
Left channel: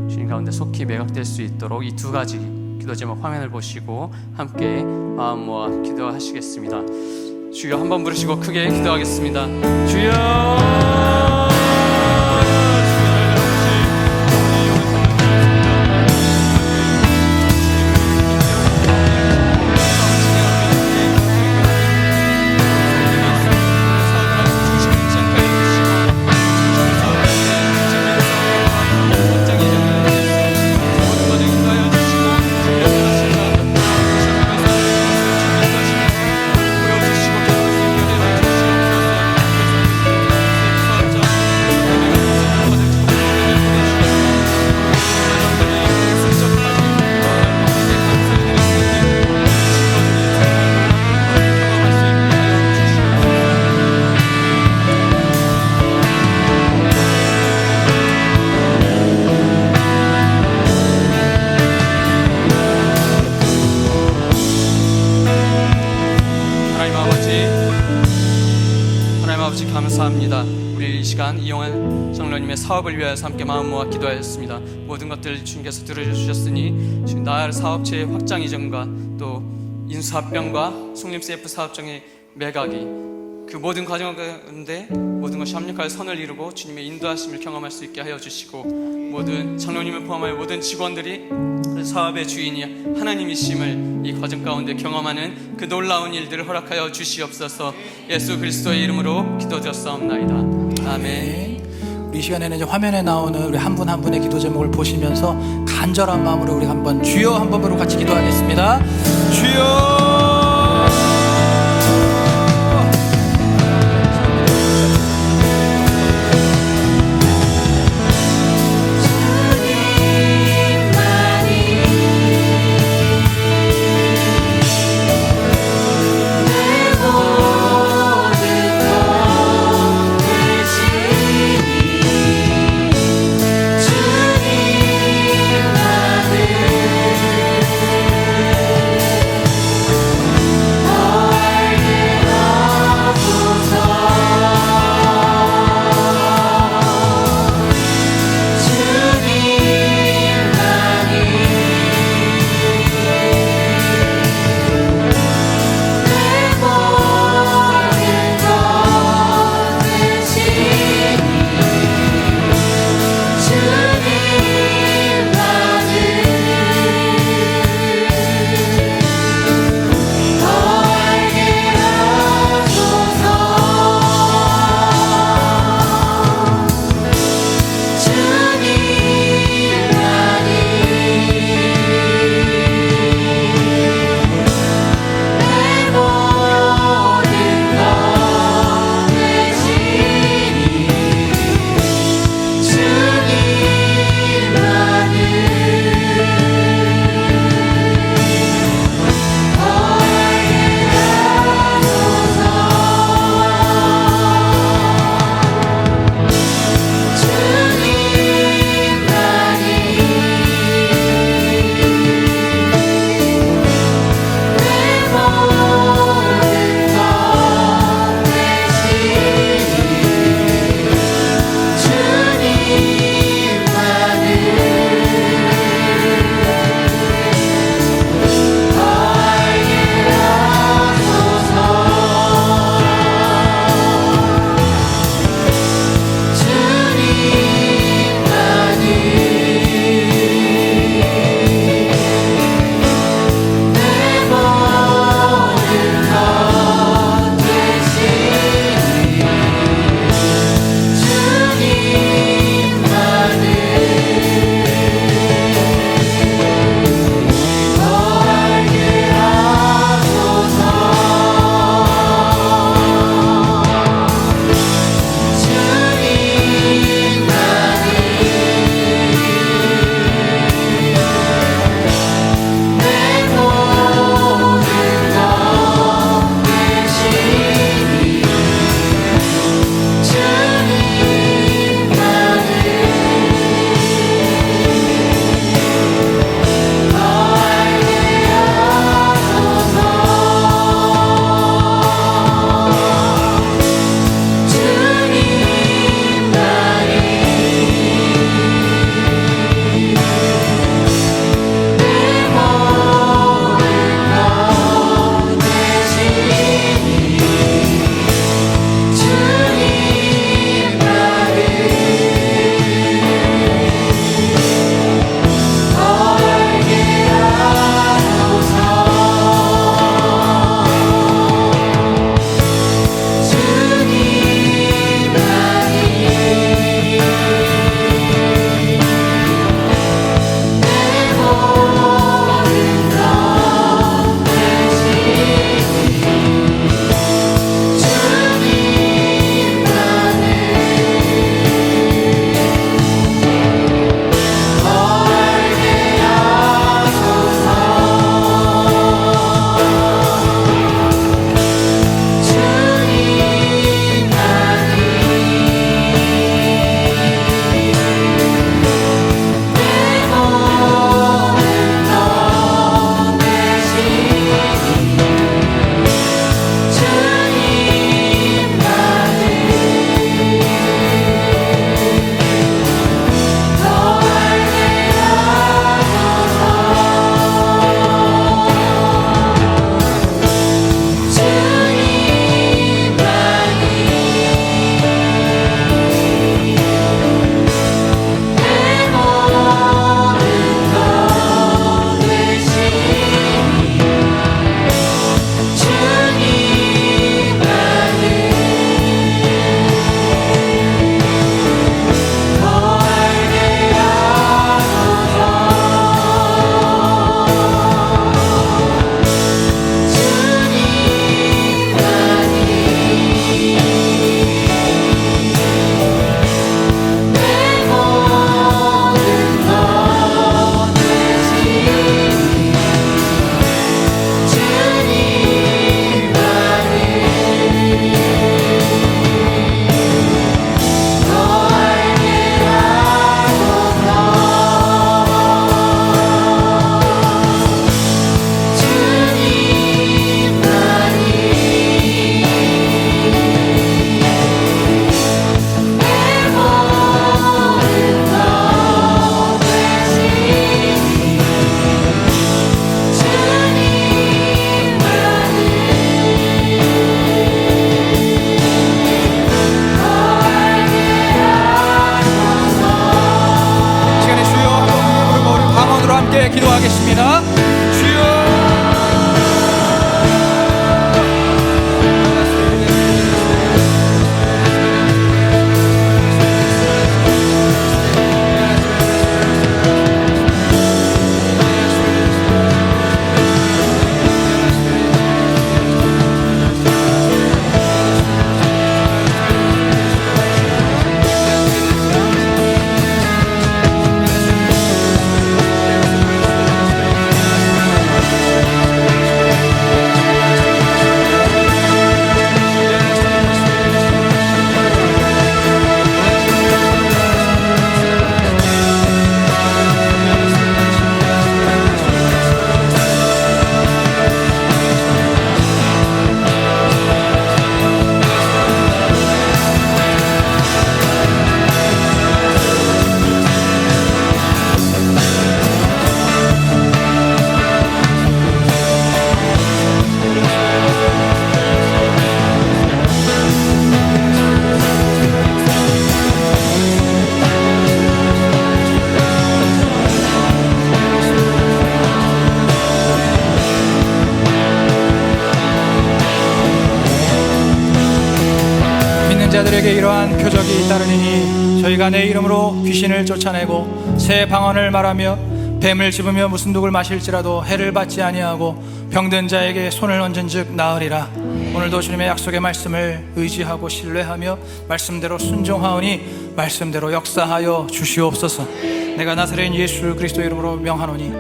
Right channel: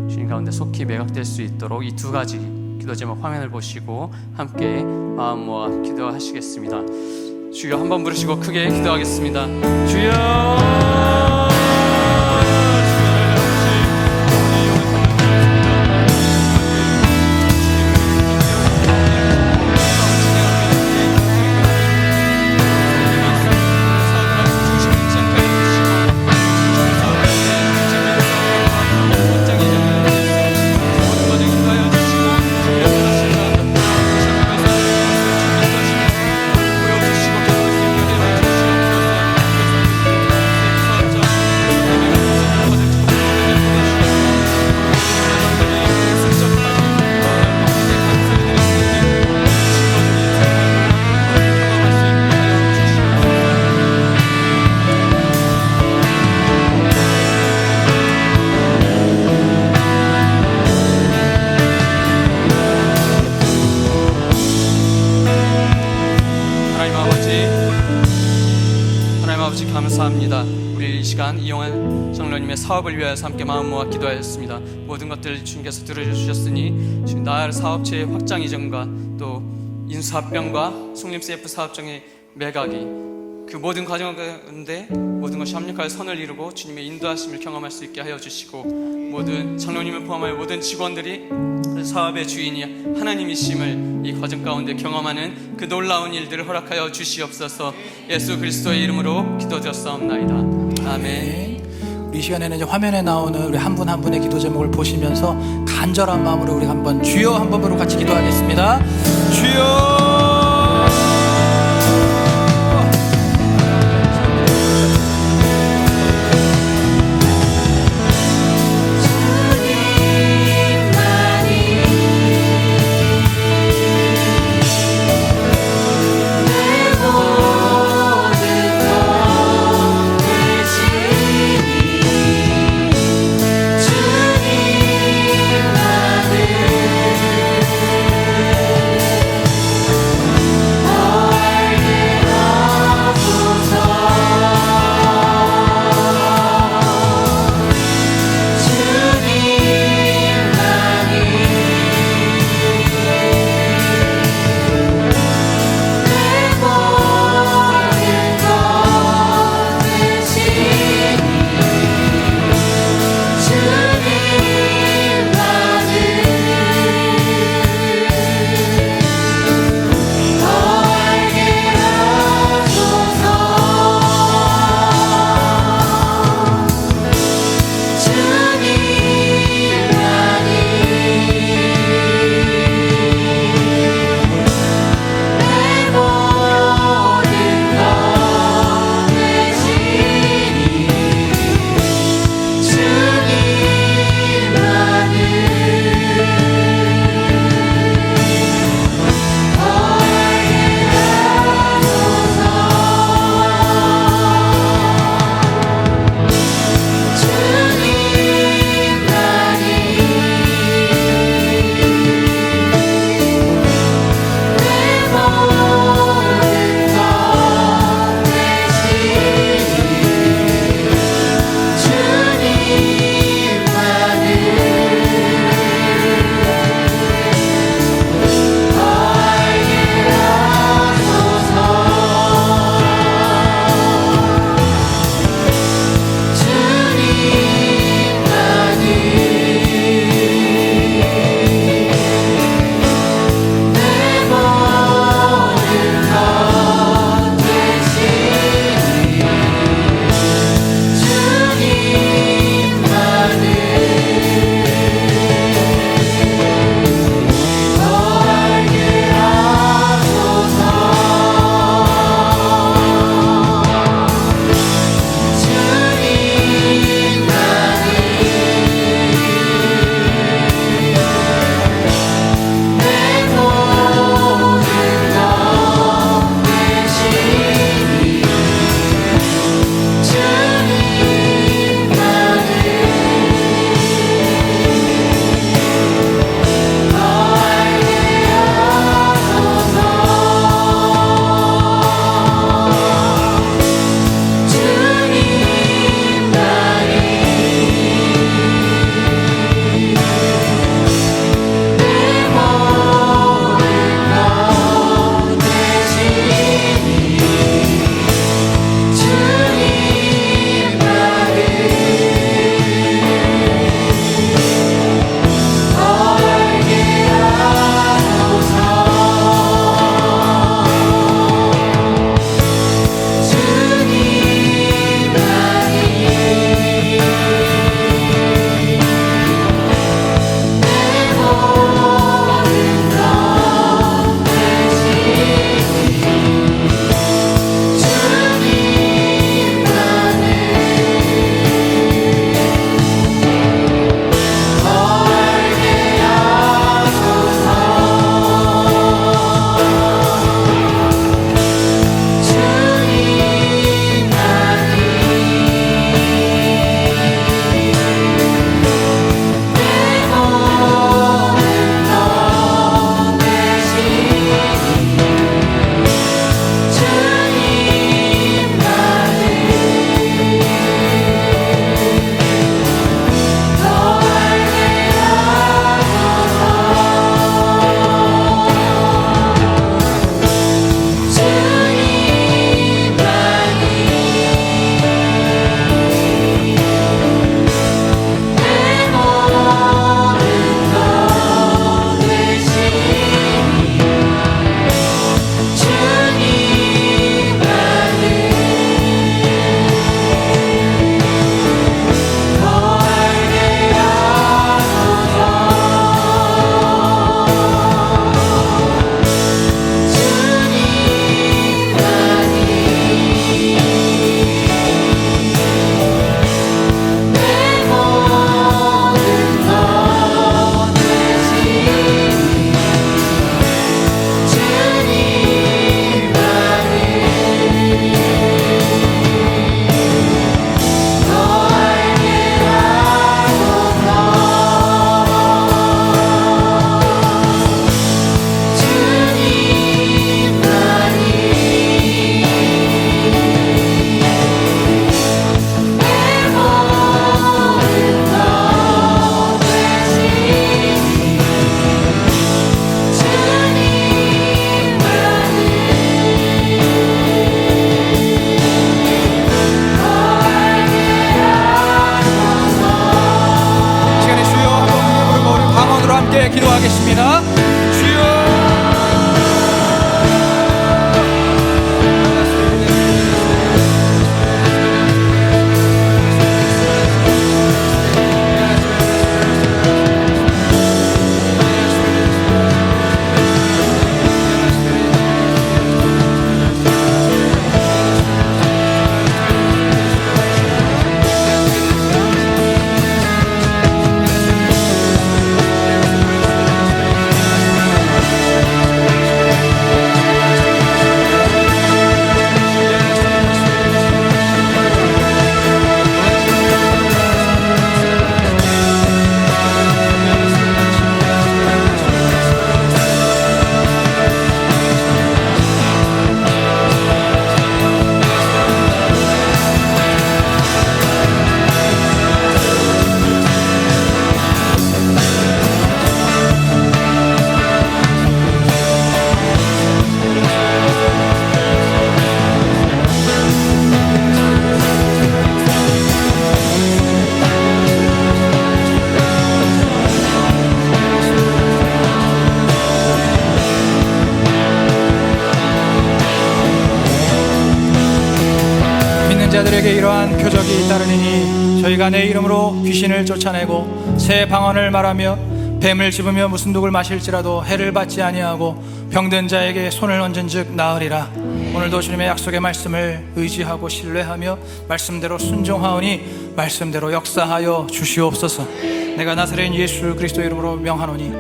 주님 가운데 속히 매각될 수 있도록 이 두 가지 기도 제목 화면을 보시고 함께 마음 모아 기도하시겠습니다. 주여 한번 부르시고 크게 기도하겠습니다. 주여. 사업을 위하여서 함께 마음 모아 기도하였습니다. 모든 것들을 주님께서 들어주셨으니 지금 나을 사업체의 확장 이전과 또 인수합병과 송림CF 사업장의 매각이 그 모든 과정 가운데 모든 것이 합력하여 선을 이루고 주님의 인도하심을 경험할 수 있게 하여 주시고 모든 장로님을 포함하여 모든 직원들이 그 사업의 주인이 하나님이심을 이 과정 가운데 경험하는 그 놀라운 일들을 허락하여 주시옵소서. 예수 그리스도의 이름으로 기도드렸사옵나이다. 아멘. 우리 시간에는 이제 화면에 나오는 우리 한 분 한 분의 기도 제목을 보시면서 간절한 마음으로 우리 한번 주여 한 번으로 같이 기도하겠습니다. 주여. 저희에게 이러한 표적이 따르니니 저희가 내 이름으로 귀신을 쫓아내고 새 방언을 말하며 뱀을 집으며 무슨 독을 마실지라도 해를 받지 아니하고 병든 자에게 손을 얹은즉 나으리라. 오늘도 주님의 약속의 말씀을 의지하고 신뢰하며 말씀대로 순종하오니 말씀대로 역사하여 주시옵소서. 내가 나사렛 예수 그리스도 이름으로 명하노니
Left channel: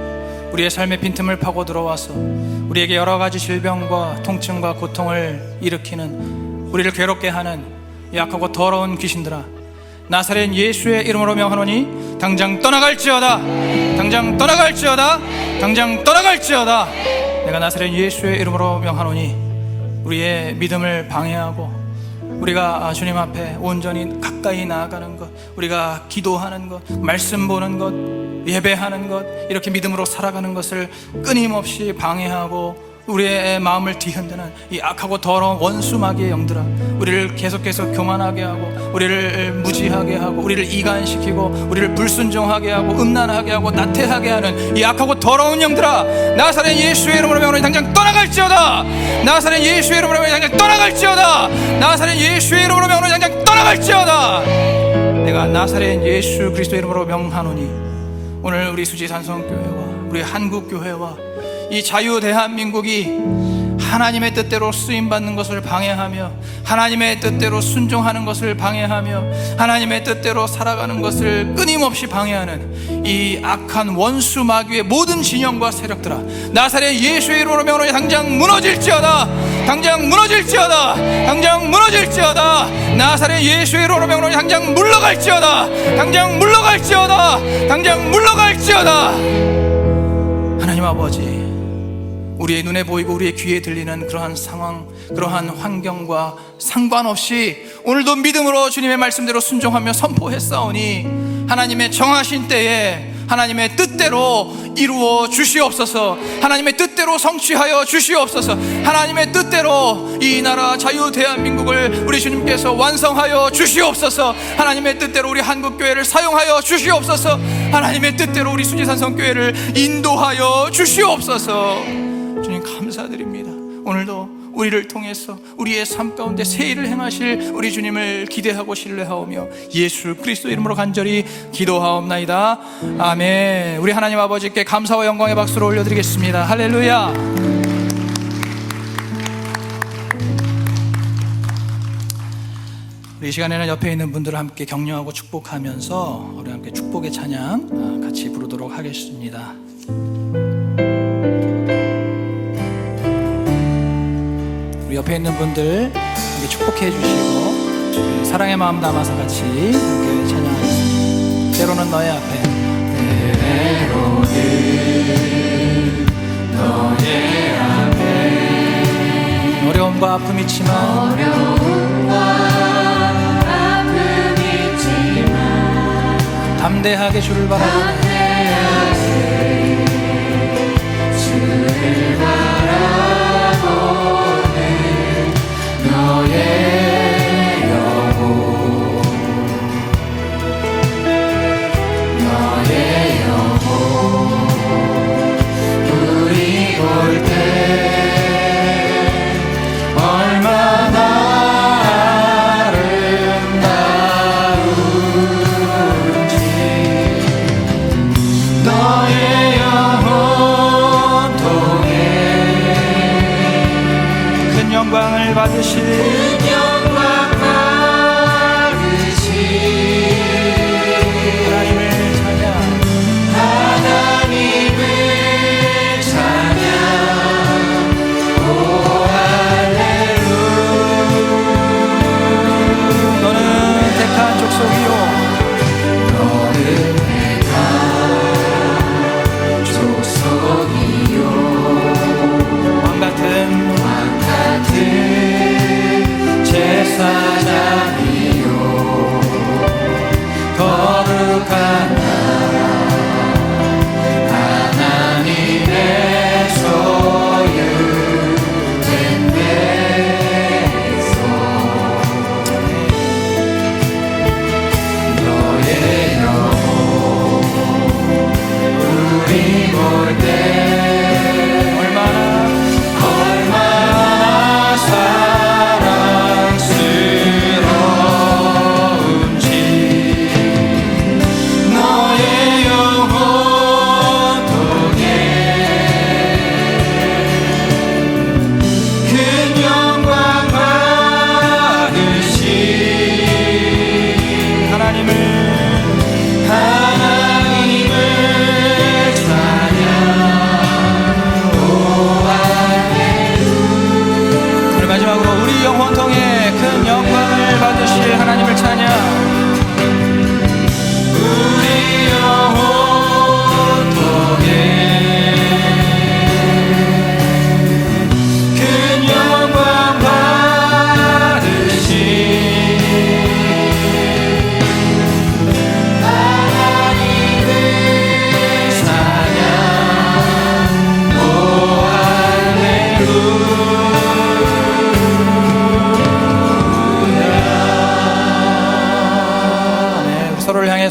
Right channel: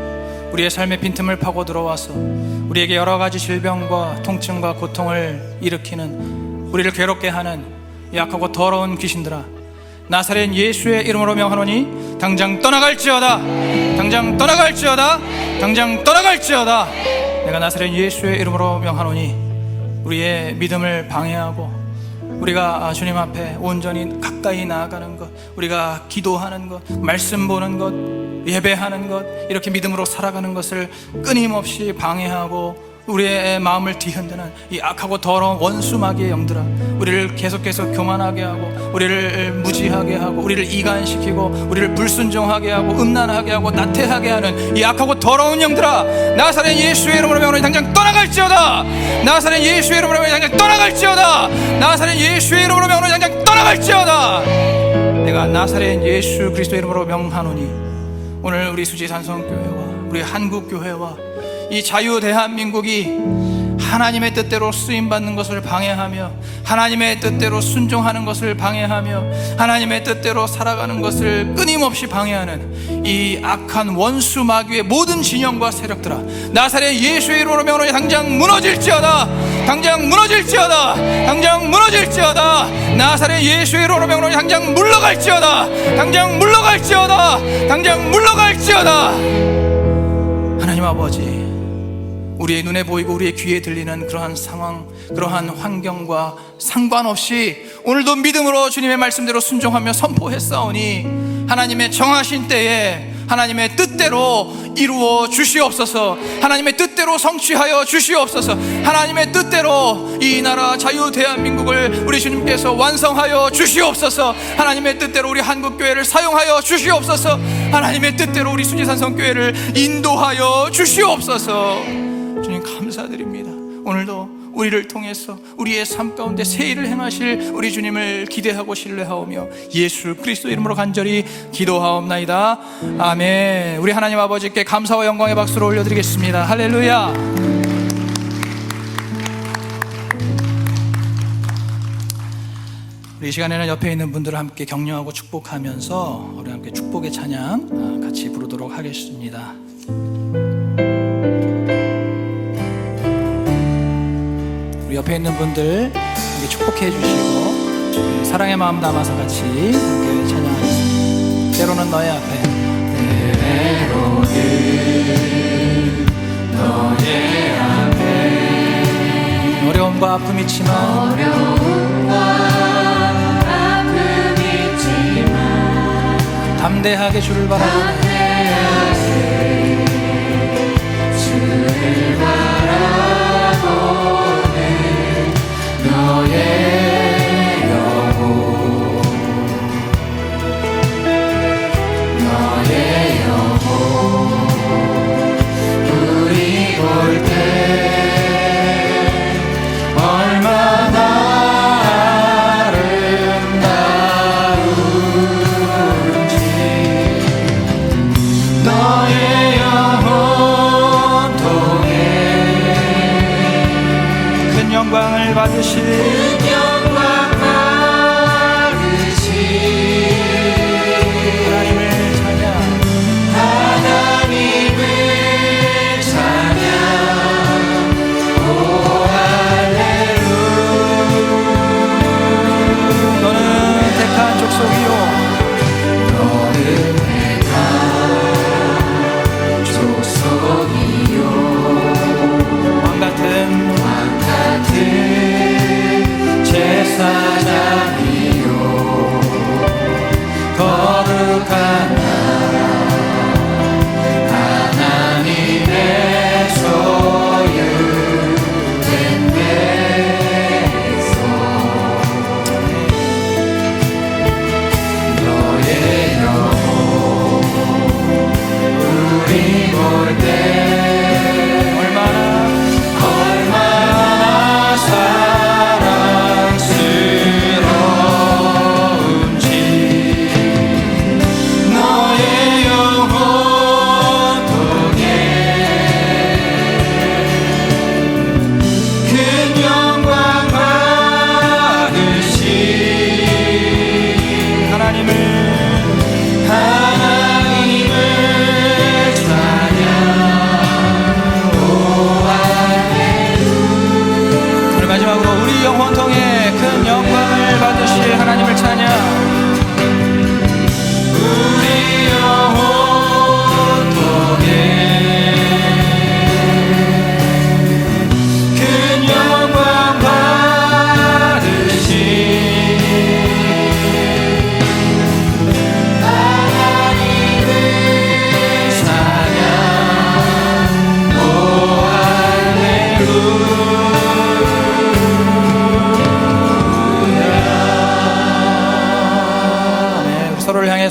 우리의 삶의 빈틈을 파고 들어와서 우리에게 여러 가지 질병과 통증과 고통을 일으키는, 우리를 괴롭게 하는 약하고 더러운 귀신들아, 나사렛 예수의 이름으로 명하노니 당장 떠나갈지어다. 당장 떠나갈지어다. 당장 떠나갈지어다. 내가 나사렛 예수의 이름으로 명하노니 우리의 믿음을 방해하고 우리가 주님 앞에 온전히 가까이 나아가는 것, 우리가 기도하는 것, 말씀 보는 것, 예배하는 것, 이렇게 믿음으로 살아가는 것을 끊임없이 방해하고 우리의 마음을 뒤흔드는 이 악하고 더러운 원수 마귀의 영들아, 우리를 계속해서 교만하게 하고 우리를 무지하게 하고 우리를 이간시키고 우리를 불순종하게 하고 음란하게 하고 나태하게 하는 이 악하고 더러운 영들아, 나사렛 예수의 이름으로 명하노니 당장 떠나갈지어다. 나사렛 예수의 이름으로 명하노니 당장 떠나갈지어다. 나사렛 예수의 이름으로 명하노니 당장 떠나갈지어다. 내가 나사렛 예수 그리스도 이름으로 명하노니 오늘 우리 수지 산성교회와 우리 한국교회와 이 자유 대한민국이 하나님의 뜻대로 쓰임받는 것을 방해하며 하나님의 뜻대로 순종하는 것을 방해하며 하나님의 뜻대로 살아가는 것을 끊임없이 방해하는 이 악한 원수 마귀의 모든 진영과 세력들아, 나사렛 예수의 이름으로 명하노니 당장 무너질지어다. 당장 무너질지어다. 당장 무너질지어다. 나사렛 예수의 이름으로 명하노니 당장 물러갈지어다. 당장 물러갈지어다. 당장 물러갈지어다. 하나님 아버지, 우리의 눈에 보이고 우리의 귀에 들리는 그러한 상황, 그러한 환경과 상관없이 오늘도 믿음으로 주님의 말씀대로 순종하며 선포했사오니 하나님의 정하신 때에 하나님의 뜻대로 이루어 주시옵소서. 하나님의 뜻대로 성취하여 주시옵소서. 하나님의 뜻대로 이 나라 자유 대한민국을 우리 주님께서 완성하여 주시옵소서. 하나님의 뜻대로 우리 한국교회를 사용하여 주시옵소서. 하나님의 뜻대로 우리 수지산성교회를 인도하여 주시옵소서. 주님 감사드립니다. 오늘도 우리를 통해서 우리의 삶 가운데 새 일을 행하실 우리 주님을 기대하고 신뢰하오며 예수 그리스도 이름으로 간절히 기도하옵나이다. 아멘. 우리 하나님 아버지께 감사와 영광의 박수를 올려드리겠습니다. 할렐루야. 우리 이 시간에는 옆에 있는 분들을 함께 격려하고 축복하면서 우리 함께 축복의 찬양 같이 부르도록 하겠습니다. 옆에 있는 분들 축복해 주시고 사랑의 마음 담아서 같이 함께 찬양하겠습니다. 때로는 너의 앞에, 때로는 너의 앞에 어려움과 아픔이 있지만 담대하게 주를 바라보네. 제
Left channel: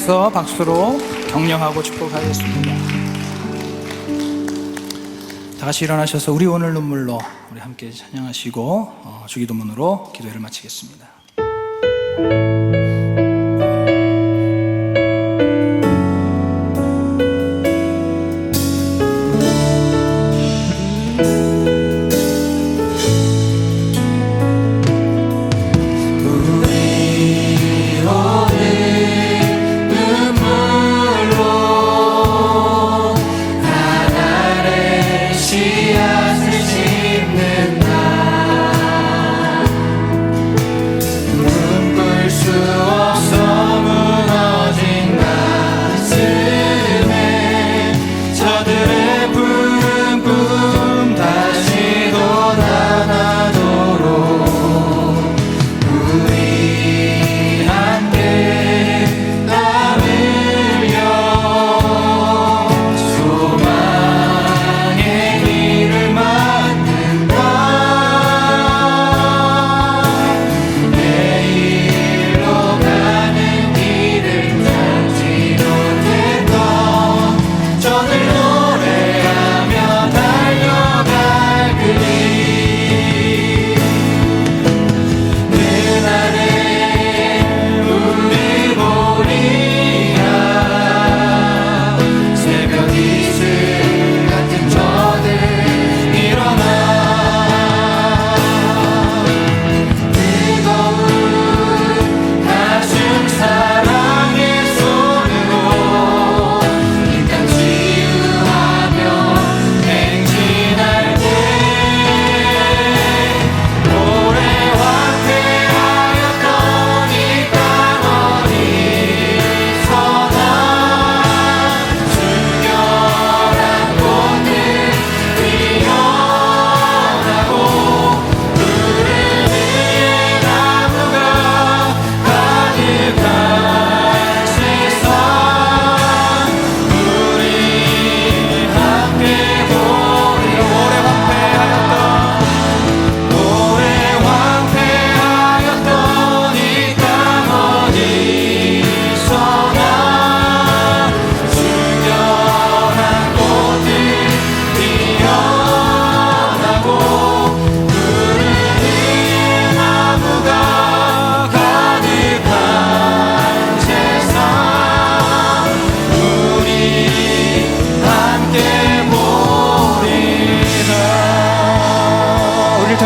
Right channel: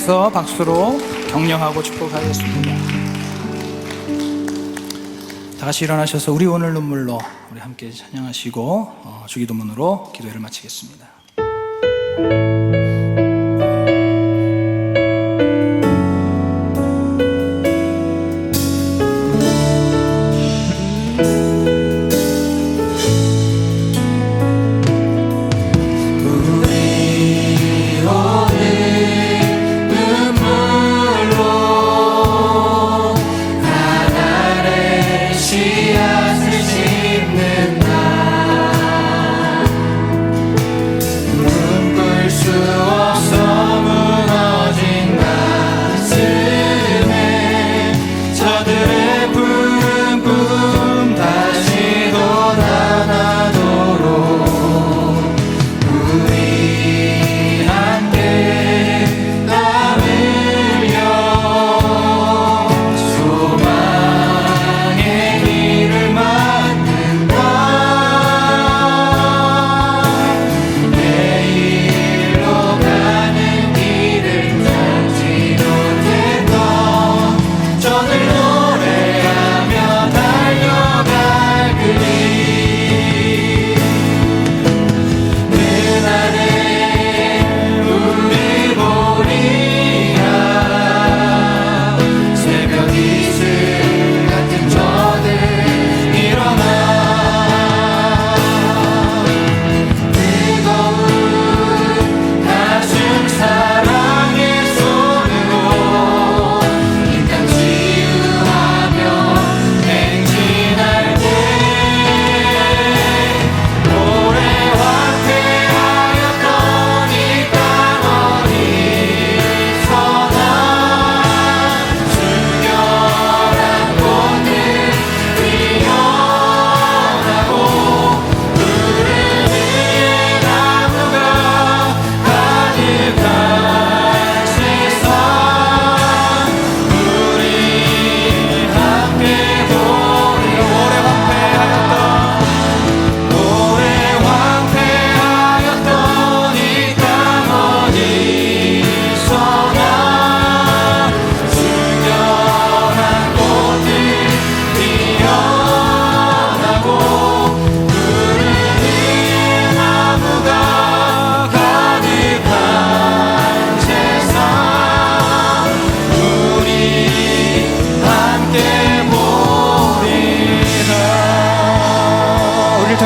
일어나셔서 박수로 격려하고 축복하겠습니다. 다 같이 일어나셔서 우리 오늘 눈물로 우리 함께 찬양하시고 주기도문으로 기도회를 마치겠습니다.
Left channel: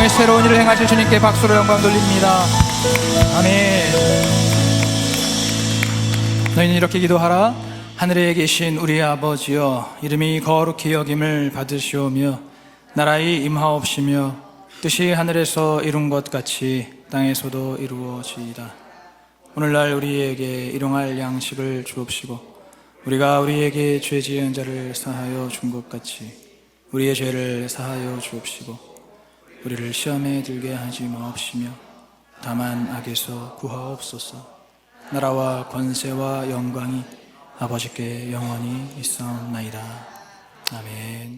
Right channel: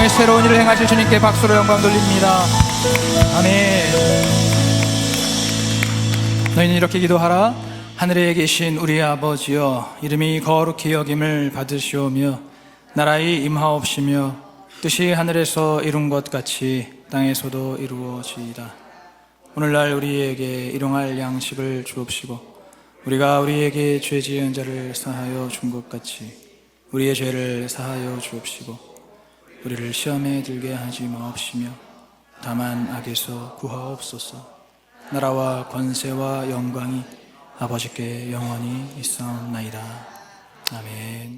새로운 일을 행하실 주님께 박수로 영광 돌립니다. 아멘. 너희는 이렇게 기도하라. 하늘에 계신 우리 아버지여, 이름이 거룩히 여김을 받으시오며 나라의 임하옵시며 뜻이 하늘에서 이룬 것 같이 땅에서도 이루어지이다. 오늘날 우리에게 일용할 양식을 주옵시고 우리가 우리에게 죄 지은 자를 사하여 준 것 같이 우리의 죄를 사하여 주옵시고 우리를 시험에 들게 하지 마옵시며 다만 악에서 구하옵소서. 나라와 권세와 영광이 아버지께 영원히 있사옵나이다. 아멘.